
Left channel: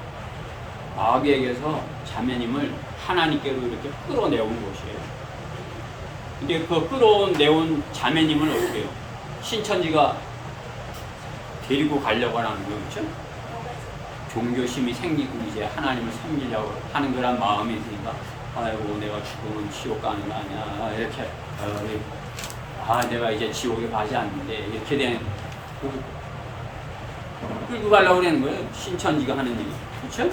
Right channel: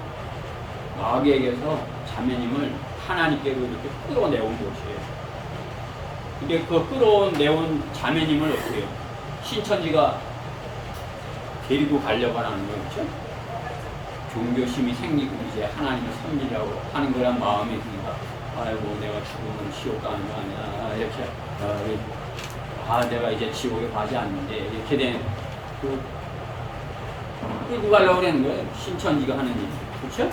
마귀에게서 자매님을 하나님께로 이렇게 끌어내온 것이에요. 근데 그 끌어내온 자매님을 어떻게 해요? 신천지가 데리고 가려고 하는 거예요. 그렇죠? 종교심이 생기고 이제 하나님을 섬기려고 하는 그런 마음이 있으니까 아이고 내가 죽으면 지옥 가는 거 아니야 이렇게 내가 이제 지옥에 가지 않는데 이렇게 된 끌고 가려고 하는 거예요. 신천지가 하는 일이. 그렇죠?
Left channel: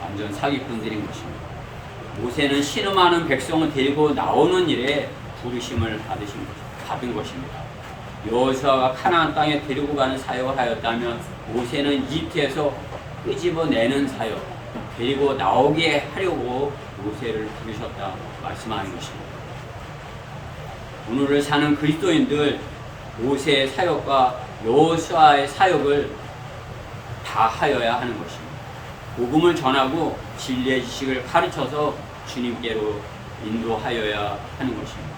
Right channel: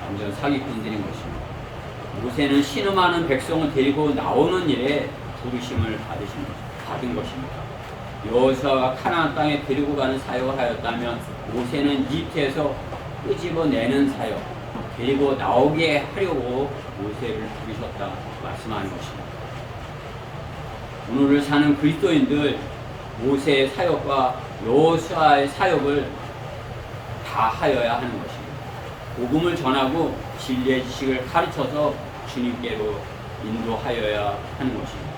완전 사기꾼들인 것입니다. 모세는 신음하는 백성을 데리고 나오는 일에 부르심을 받은 것입니다. 여호수아가 가나안 땅에 데리고 가는 사역을 하였다면 모세는 이집트에서 끄집어내는 사역, 데리고 나오게 하려고 모세를 부르셨다 말씀하는 것입니다. 오늘을 사는 그리스도인들 모세의 사역과 여호수아의 사역을 다 하여야 하는 것입니다. 복음을 전하고 진리의 지식을 가르쳐서 주님께로 인도하여야 하는 것입니다.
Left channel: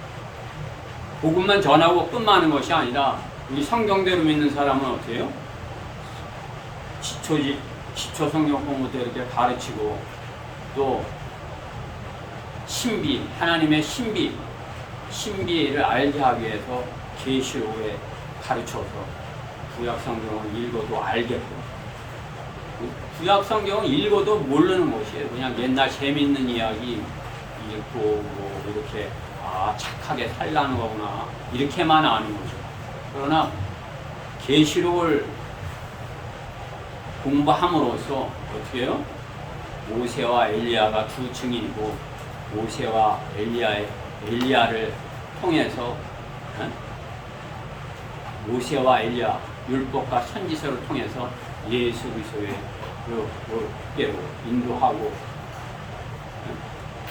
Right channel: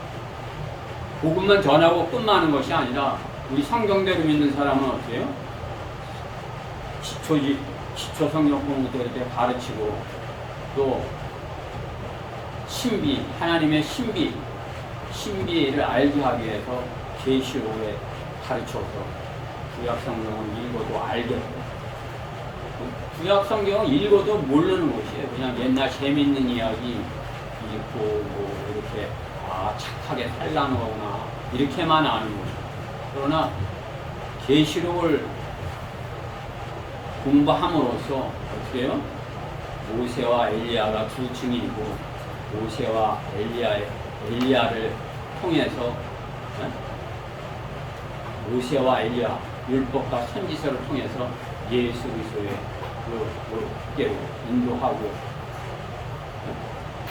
복음만 전하고 끝마는 것이 아니라 우리 성경대로 믿는 사람은 어때요? 기초 성경 공부도 이렇게 가르치고 또 신비, 하나님의 신비를 알게 하기 위해서 계시록에 가르쳐서 구약 성경을 읽어도 알게끔. 구약 성경을 읽어도 모르는 것이에요. 그냥 옛날 재밌는 이야기 읽고 뭐 이렇게 착하게 살라는 거구나 이렇게만 아는 거죠. 그러나 계시록을 공부함으로써 어떻게 해요? 모세와 엘리야가 두 증인이고 모세와 엘리야를 통해서 모세와 엘리야 율법과 선지서를 통해서 예수 그리스도의 께로 인도하고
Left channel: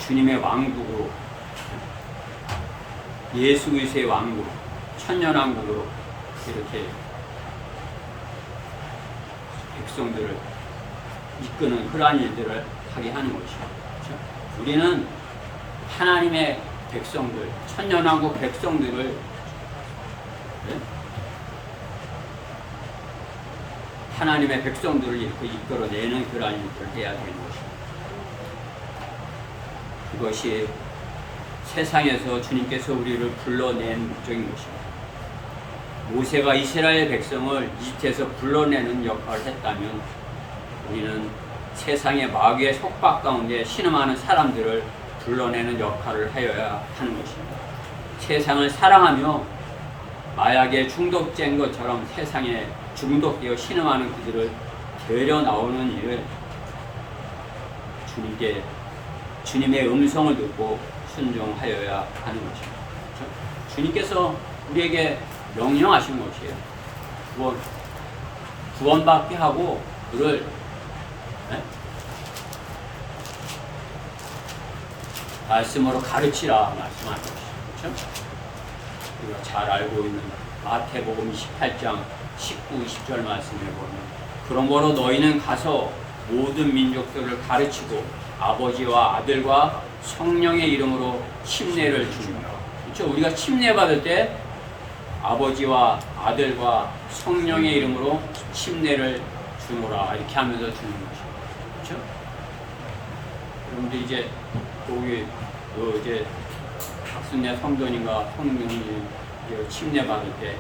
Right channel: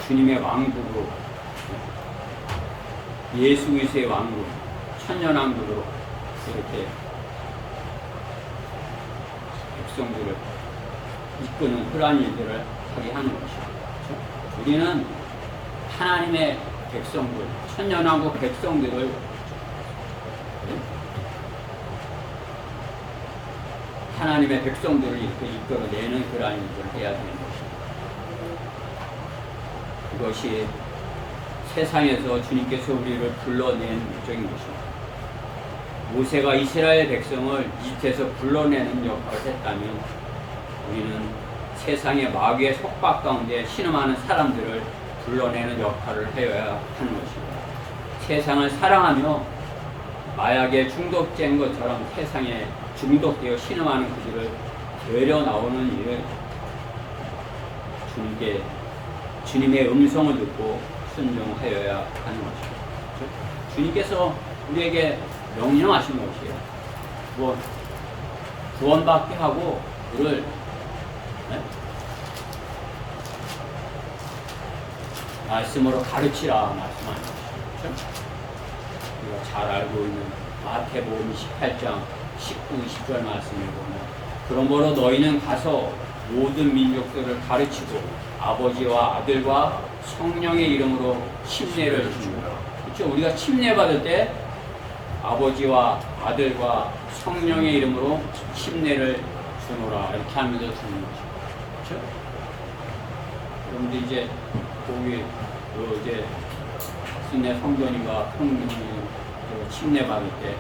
주님의 왕국으로 예수 그리스도의 왕국 천년왕국으로 이렇게 백성들을 이끄는 그러한 일들을 하게 하는 것이죠. 우리는 하나님의 백성들, 천년왕국 백성들을 하나님의 백성들을 이렇게 이끌어내는 그러한 일들을 해야 되는 것입니다. 그것이 세상에서 주님께서 우리를 불러낸 목적인 것입니다. 모세가 이스라엘 백성을 이집트에서 불러내는 역할을 했다면 우리는 세상의 마귀의 속박 가운데 신음하는 사람들을 불러내는 역할을 하여야 하는 것입니다. 세상을 사랑하며 마약에 중독된 것처럼 세상에 중독되어 신음하는 그들을 데려 나오는 일을 주님의 음성을 듣고 순종하여야 하는 것입니다. 그렇죠? 주님께서 우리에게 명령하신 것이에요. 구원받게 하고 그를 말씀으로 가르치라 말씀하는 것이죠. 그렇죠? 우리가 잘 알고 있는 마태복음 28장 19, 20절 말씀을 보면 그러므로 너희는 가서 모든 민족들을 가르치고 아버지와 아들과 성령의 이름으로 침례를 주노라. 그렇죠? 우리가 침례 받을 때 아버지와 아들과 성령의 이름으로 침례를 주노라 이렇게 하면서 주는 거죠. 그렇죠? 여러분들 이제 거기 이제 박순례 성도님과 성령님 침례 받을 때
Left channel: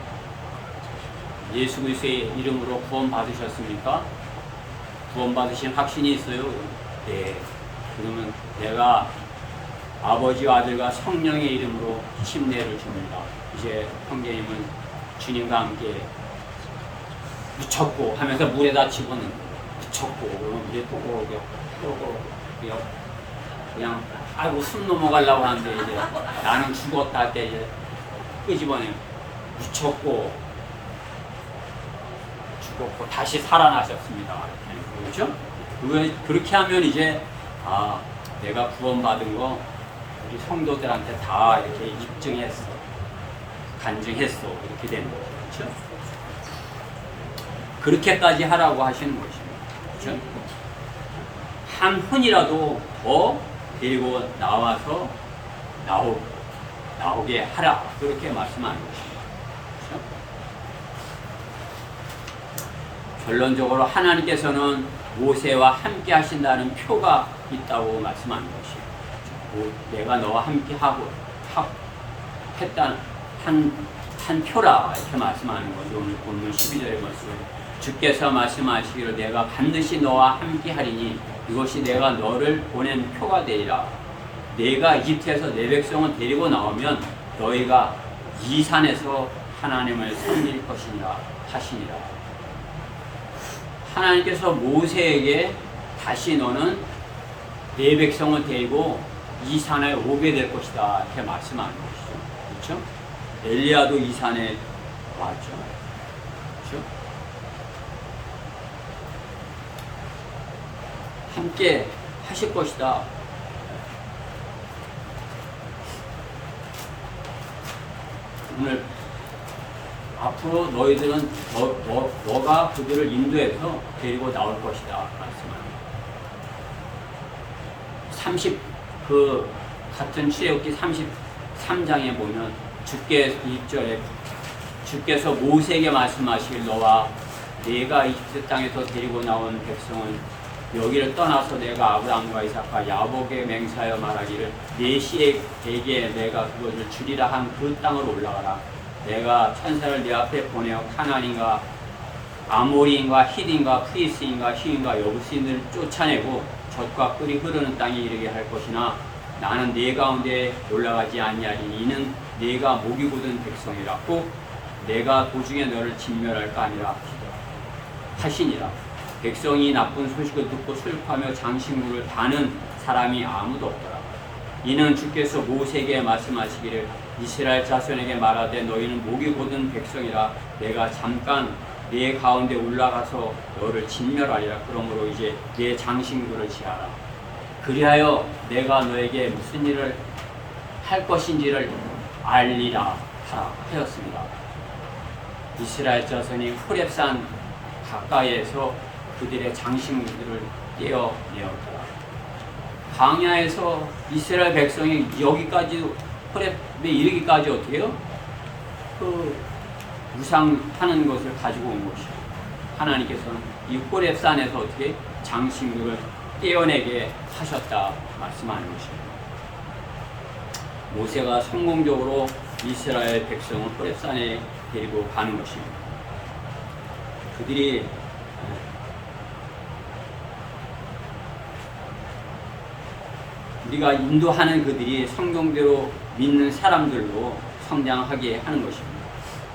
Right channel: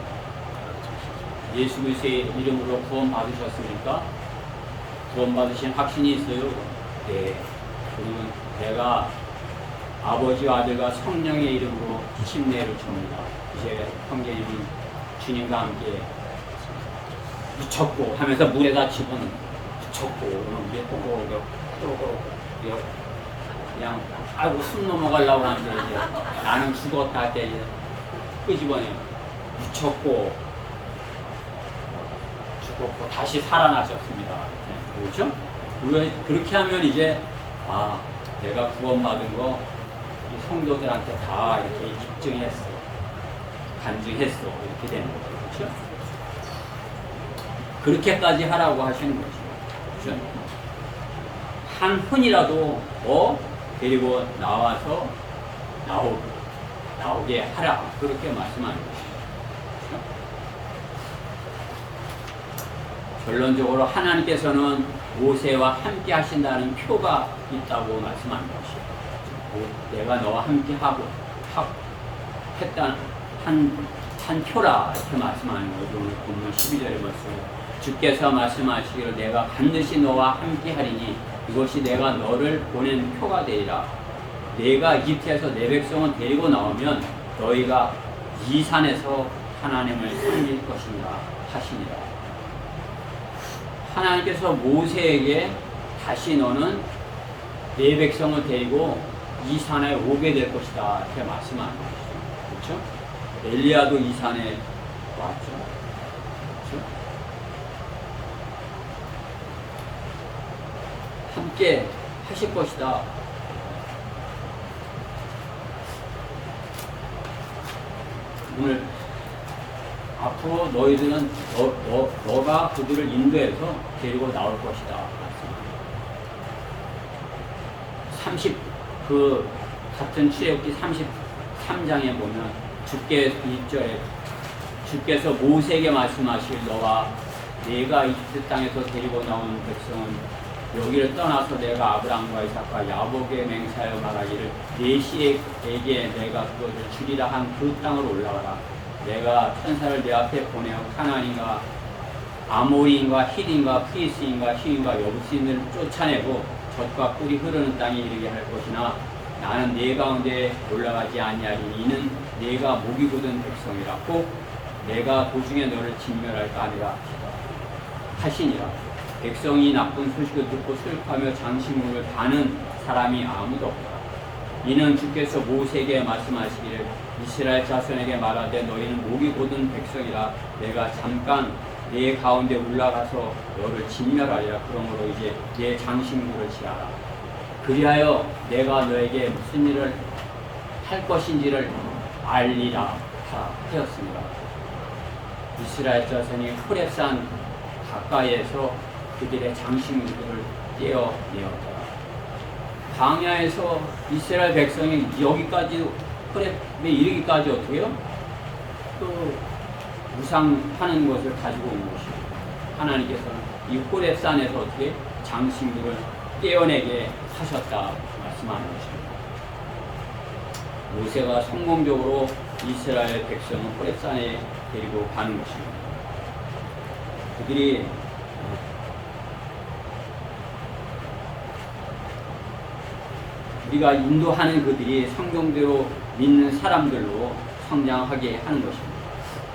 예수 그리스도의 이름으로 구원 받으셨습니까? 구원 받으신 확신이 있어요? 네. 그러면 내가 아버지와 아들과 성령의 이름으로 침례를 줍니다. 이제 형제님은 주님과 함께 묻혔고 하면서 물에다 집어넣는 묻혔고 그러면 물에 또꼬록꼬록 그냥 아이고 숨 넘어가려고 하는데 이제 나는 죽었다 할 때 이제 끄집어내요. 묻혔고 죽었고 다시 살아나셨습니다. 그렇죠? 그렇게 하면 이제 내가 구원받은 거 우리 성도들한테 다 이렇게 입증했어, 간증했어 이렇게 되는 거죠. 그렇죠? 그렇게까지 하라고 하시는 것이죠. 그렇죠? 한 분이라도 더 데리고 나와서 나오게 하라 그렇게 말씀하는 것이죠. 그렇죠? 결론적으로 하나님께서는 모세와 함께 하신다는 표가 있다고 말씀하는 것이에요. 내가 너와 함께 했다는 한 표라 이렇게 말씀하는 거죠. 오늘 본문 12절의 말씀을 주께서 말씀하시기를 내가 반드시 너와 함께 하리니 이것이 내가 너를 보낸 표가 되리라. 내가 이집트에서 내 백성을 데리고 나오면 너희가 이 산에서 하나님을 섬길 것이니라 하시니라. 하나님께서 모세에게 다시 너는 내 백성을 데리고 이 산에 오게 될 것이다 이렇게 말씀하는 것이죠. 그렇죠? 엘리야도 이 산에 왔죠. 그렇죠? 함께 하실 것이다. 오늘 앞으로 너희들은 너가 그들을 인도해서 데리고 나올 것이다 말씀하는 30 그 같은 출애굽기 33장에 보면 주께 1절에 주께서 모세에게 말씀하실 너와 내가 이집트 땅에서 데리고 나온 백성은 여기를 떠나서 내가 아브라함과 이삭과 야곱에게 맹세하여 말하기를 네 씨에게 내가 그것을 주리라 한 그 땅으로 올라가라. 내가 천사를 네 앞에 보내어 카나안인과 아모리인과 히딘과 프리스인과 히윈과 여부스인을 쫓아내고 젖과 꿀이 흐르는 땅에 이르게 할 것이나 나는 네 가운데 올라가지 아니하리니 이는 네가 목이 곧은 백성이라고 내가 도중에 너를 진멸할까 하니라 하시니라. 백성이 나쁜 소식을 듣고 슬퍼하며 장식물을 다는 사람이 아무도 없더라. 이는 주께서 모세에게 말씀하시기를 이스라엘 자손에게 말하되 너희는 목이 곧은 백성이라 내가 잠깐 네 가운데 올라가서 너를 진멸하리라. 그러므로 이제 네 장식물을 지하라. 그리하여 내가 너에게 무슨 일을 할 것인지를 알리라 하라 하였습니다. 이스라엘 자손이 호렙산 가까이에서 그들의 장식물들을 떼어내었더라. 광야에서 이스라엘 백성이 여기까지 호렙에 이르기까지 어떻게 해요? 그 무상하는 것을 가지고 온 것이고 하나님께서는 이 호렙산에서 어떻게 장식물을 떼어내게 하셨다 말씀하는 것입니다. 모세가 성공적으로 이스라엘 백성을 호렙산에 데리고 가는 것입니다. 그들이 우리가 인도하는 그들이 성경대로 믿는 사람들로 성장하게 하는 것입니다.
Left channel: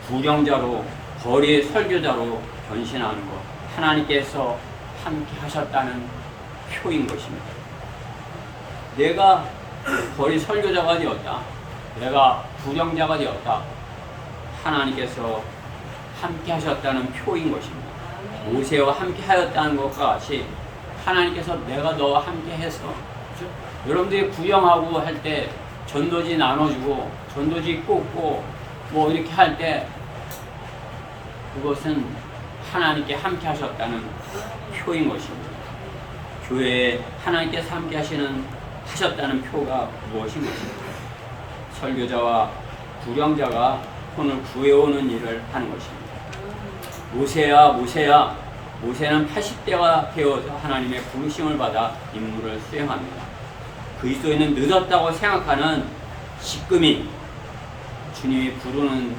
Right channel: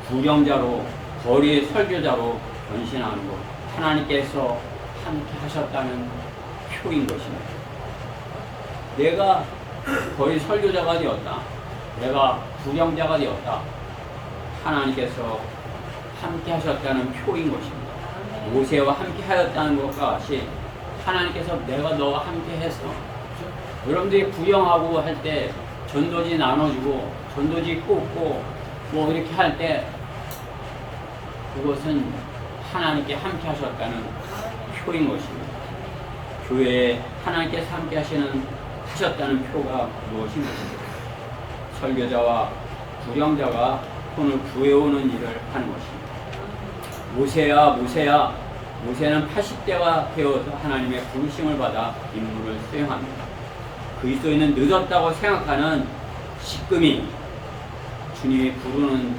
부령자로 거리의 설교자로 변신하는 것, 하나님께서 함께 하셨다는 표인 것입니다. 내가 거리 설교자가 되었다. 내가 부령자가 되었다. 하나님께서 함께 하셨다는 표인 것입니다. 모세와 함께 하였다는 것과 같이 하나님께서 내가 너와 함께 했어. 그렇죠? 여러분들이 구경하고 할 때 전도지 나눠주고 전도지 꽂고 뭐 이렇게 할 때 그것은 하나님께 함께 하셨다는 표인 것입니다. 교회에 하나님께서 함께 하셨다는 표가 무엇인 것입니까? 설교자와 부령자가 혼을 구해오는 일을 하는 것입니다. 모세야 모세야 모세는 80대가 되어서 하나님의 부르심을 받아 임무를 수행합니다. 그리스도인은 늦었다고 생각하는 시금이 주님이 부르는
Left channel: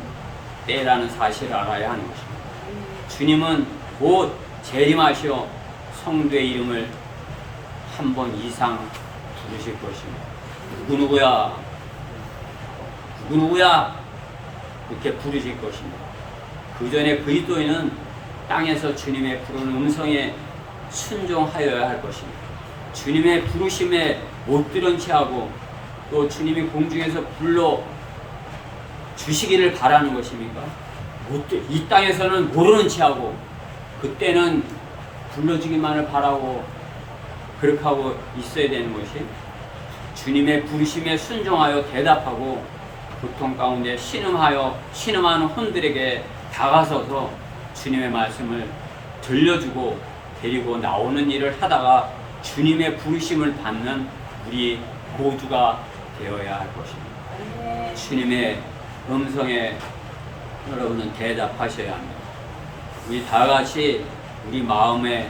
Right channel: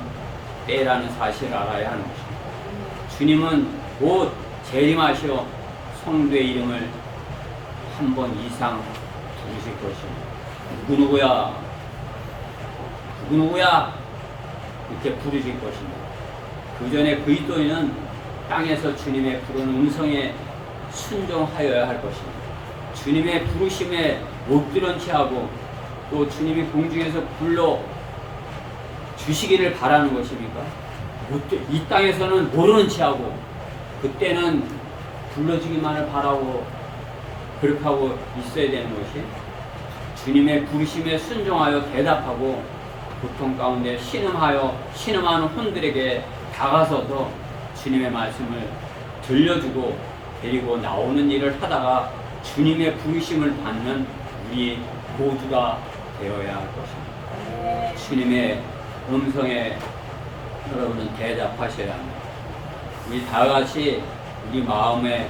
때라는 사실을 알아야 하는 것입니다. 주님은 곧 재림하시어 성도의 이름을 한 번 이상 부르실 것입니다. 누구누구야 누구누구야 이렇게 부르실 것입니다. 그 전에 그리스도인은 땅에서 주님의 부르는 음성에 순종하여야 할 것입니다. 주님의 부르심에 못 들은 채하고 또 주님이 공중에서 불러 주시기를 바라는 것입니까? 이 땅에서는 모르는 채하고 그때는 불러주기만을 바라고 그렇게 하고 있어야 되는 것이 주님의 부르심에 순종하여 대답하고 고통 가운데 신음하는 혼들에게 다가서서 주님의 말씀을 들려주고 데리고 나오는 일을 하다가 주님의 부르심을 받는 우리 모두가 되어야 할 것입니다. 주님의 음성에 여러분은 대답하셔야 합니다. 우리 다 같이 우리 마음에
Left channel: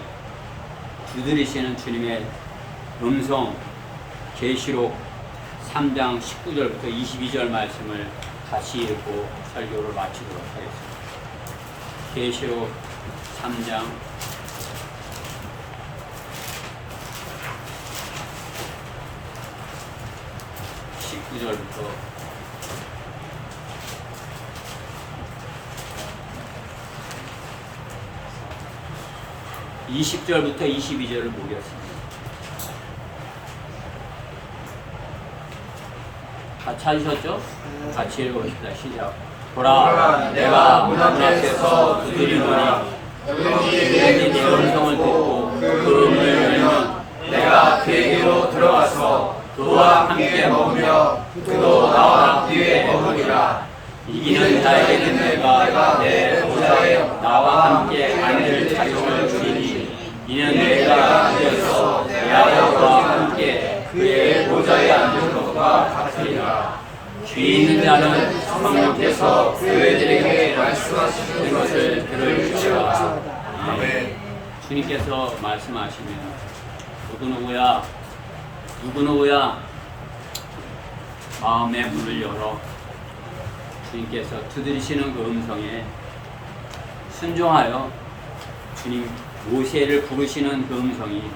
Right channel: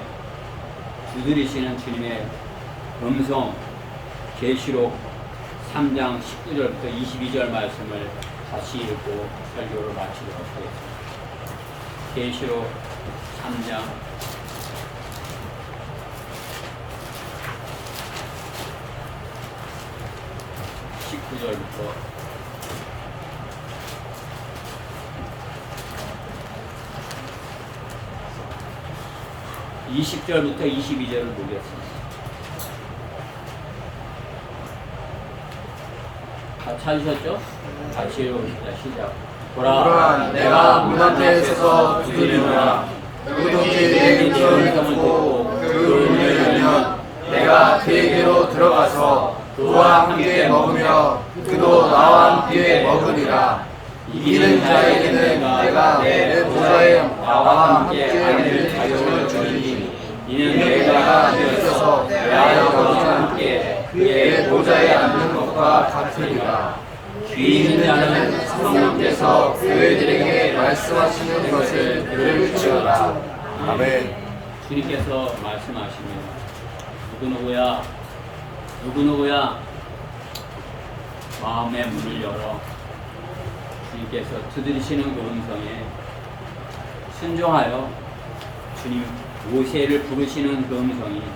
두드리시는 주님의 음성 계시록 3장 19절부터 22절 말씀을 같이 읽고 설교를 마치도록 하겠습니다. 계시록 3장 19절부터 20절부터 22절을 보겠습니다. 찾으셨죠? 같이 읽어봅시다. 시작. 보라, 내가 문 앞에서 두드리노니 누구든지 내 음성을 듣고 그 문을 열면 내가 그에게로 들어가서 그와 함께 먹으며 그도 나와 함께 먹으리라. 이기는 자에게는 내가 내 보좌에 나와 함께 앉을 자격을 주리니 이는 내가 이겨서 내 아버지와 함께 그의 보좌에 앉는 것과 같으리라. 귀 있는 자는 성령께서 그들에게 말씀하시는 것을 들을지어다. 아멘. 주님께서 말씀하시면 누구누구야 마음의 문을 열어 주님께서 두드리시는 그 음성에 순종하여 주님 모세를 부르시는 그 음성이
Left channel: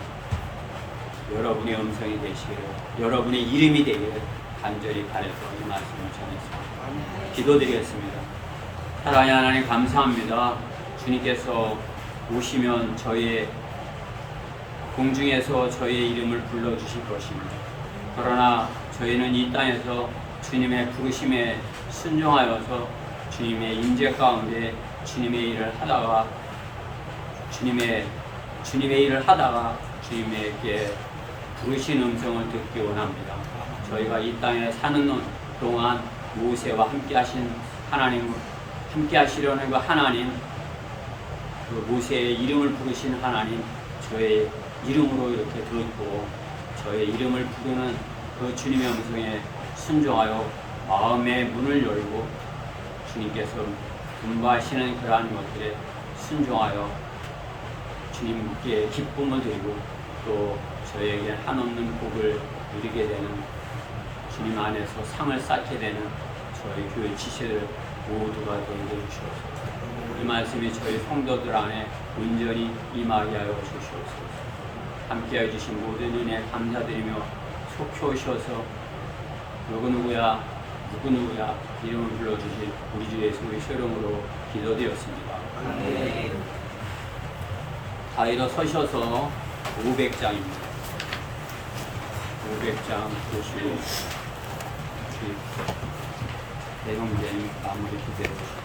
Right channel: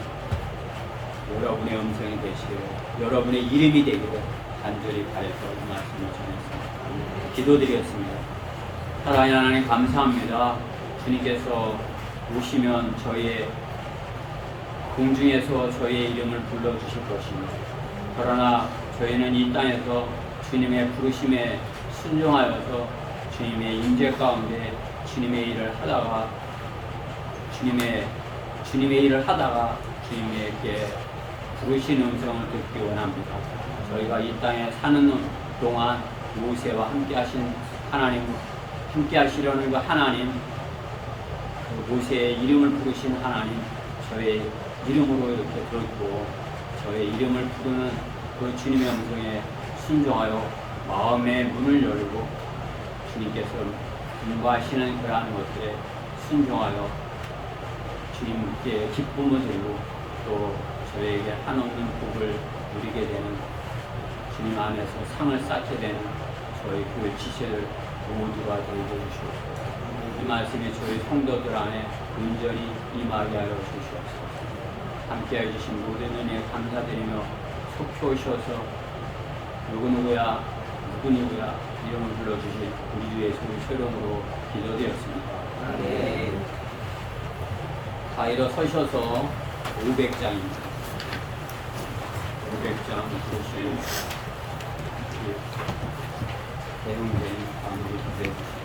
여러분의 음성이 되시기를, 여러분의 이름이 되기를 간절히 바라서 이 말씀을 전해서 기도드리겠습니다. 사랑하는 하나님 감사합니다. 주님께서 오시면 저희의 공중에서 저희의 이름을 불러주실 것입니다. 그러나 저희는 이 땅에서 주님의 부르심에 순종하여서 주님의 임재 가운데 주님의 일을 하다가 주님에게 부르신 음성을 듣기 원합니다. 저희가 이 땅에 사는 동안 모세와 함께 하신 하나님, 함께 하시려는 그 하나님, 그 모세의 이름을 부르신 하나님, 저의 이름으로 이렇게 듣고 저의 이름을 부르는 그 주님의 음성에 순종하여 마음의 문을 열고 주님께서 분바하시는 그러한 것들에 순종하여 주님께 기쁨을 드리고 또 저에게 한없는 복을 누리게 되는 주님 안에서 상을 쌓게 되는 저희 교회 지체들 모두가 되게 해주시옵소서. 이 말씀이 저희 성도들 안에 온전히 임하게 하여 주시옵소서. 함께해 주신 모든 은혜 감사드리며 속히 오셔서 누구누구야 이름을 불러주실 우리 주 예수의 이름으로 기도드렸습니다. 아멘. 다 일어서셔서 500장입니다. 500장 보실 대형제님 아무리 기대해 주시죠.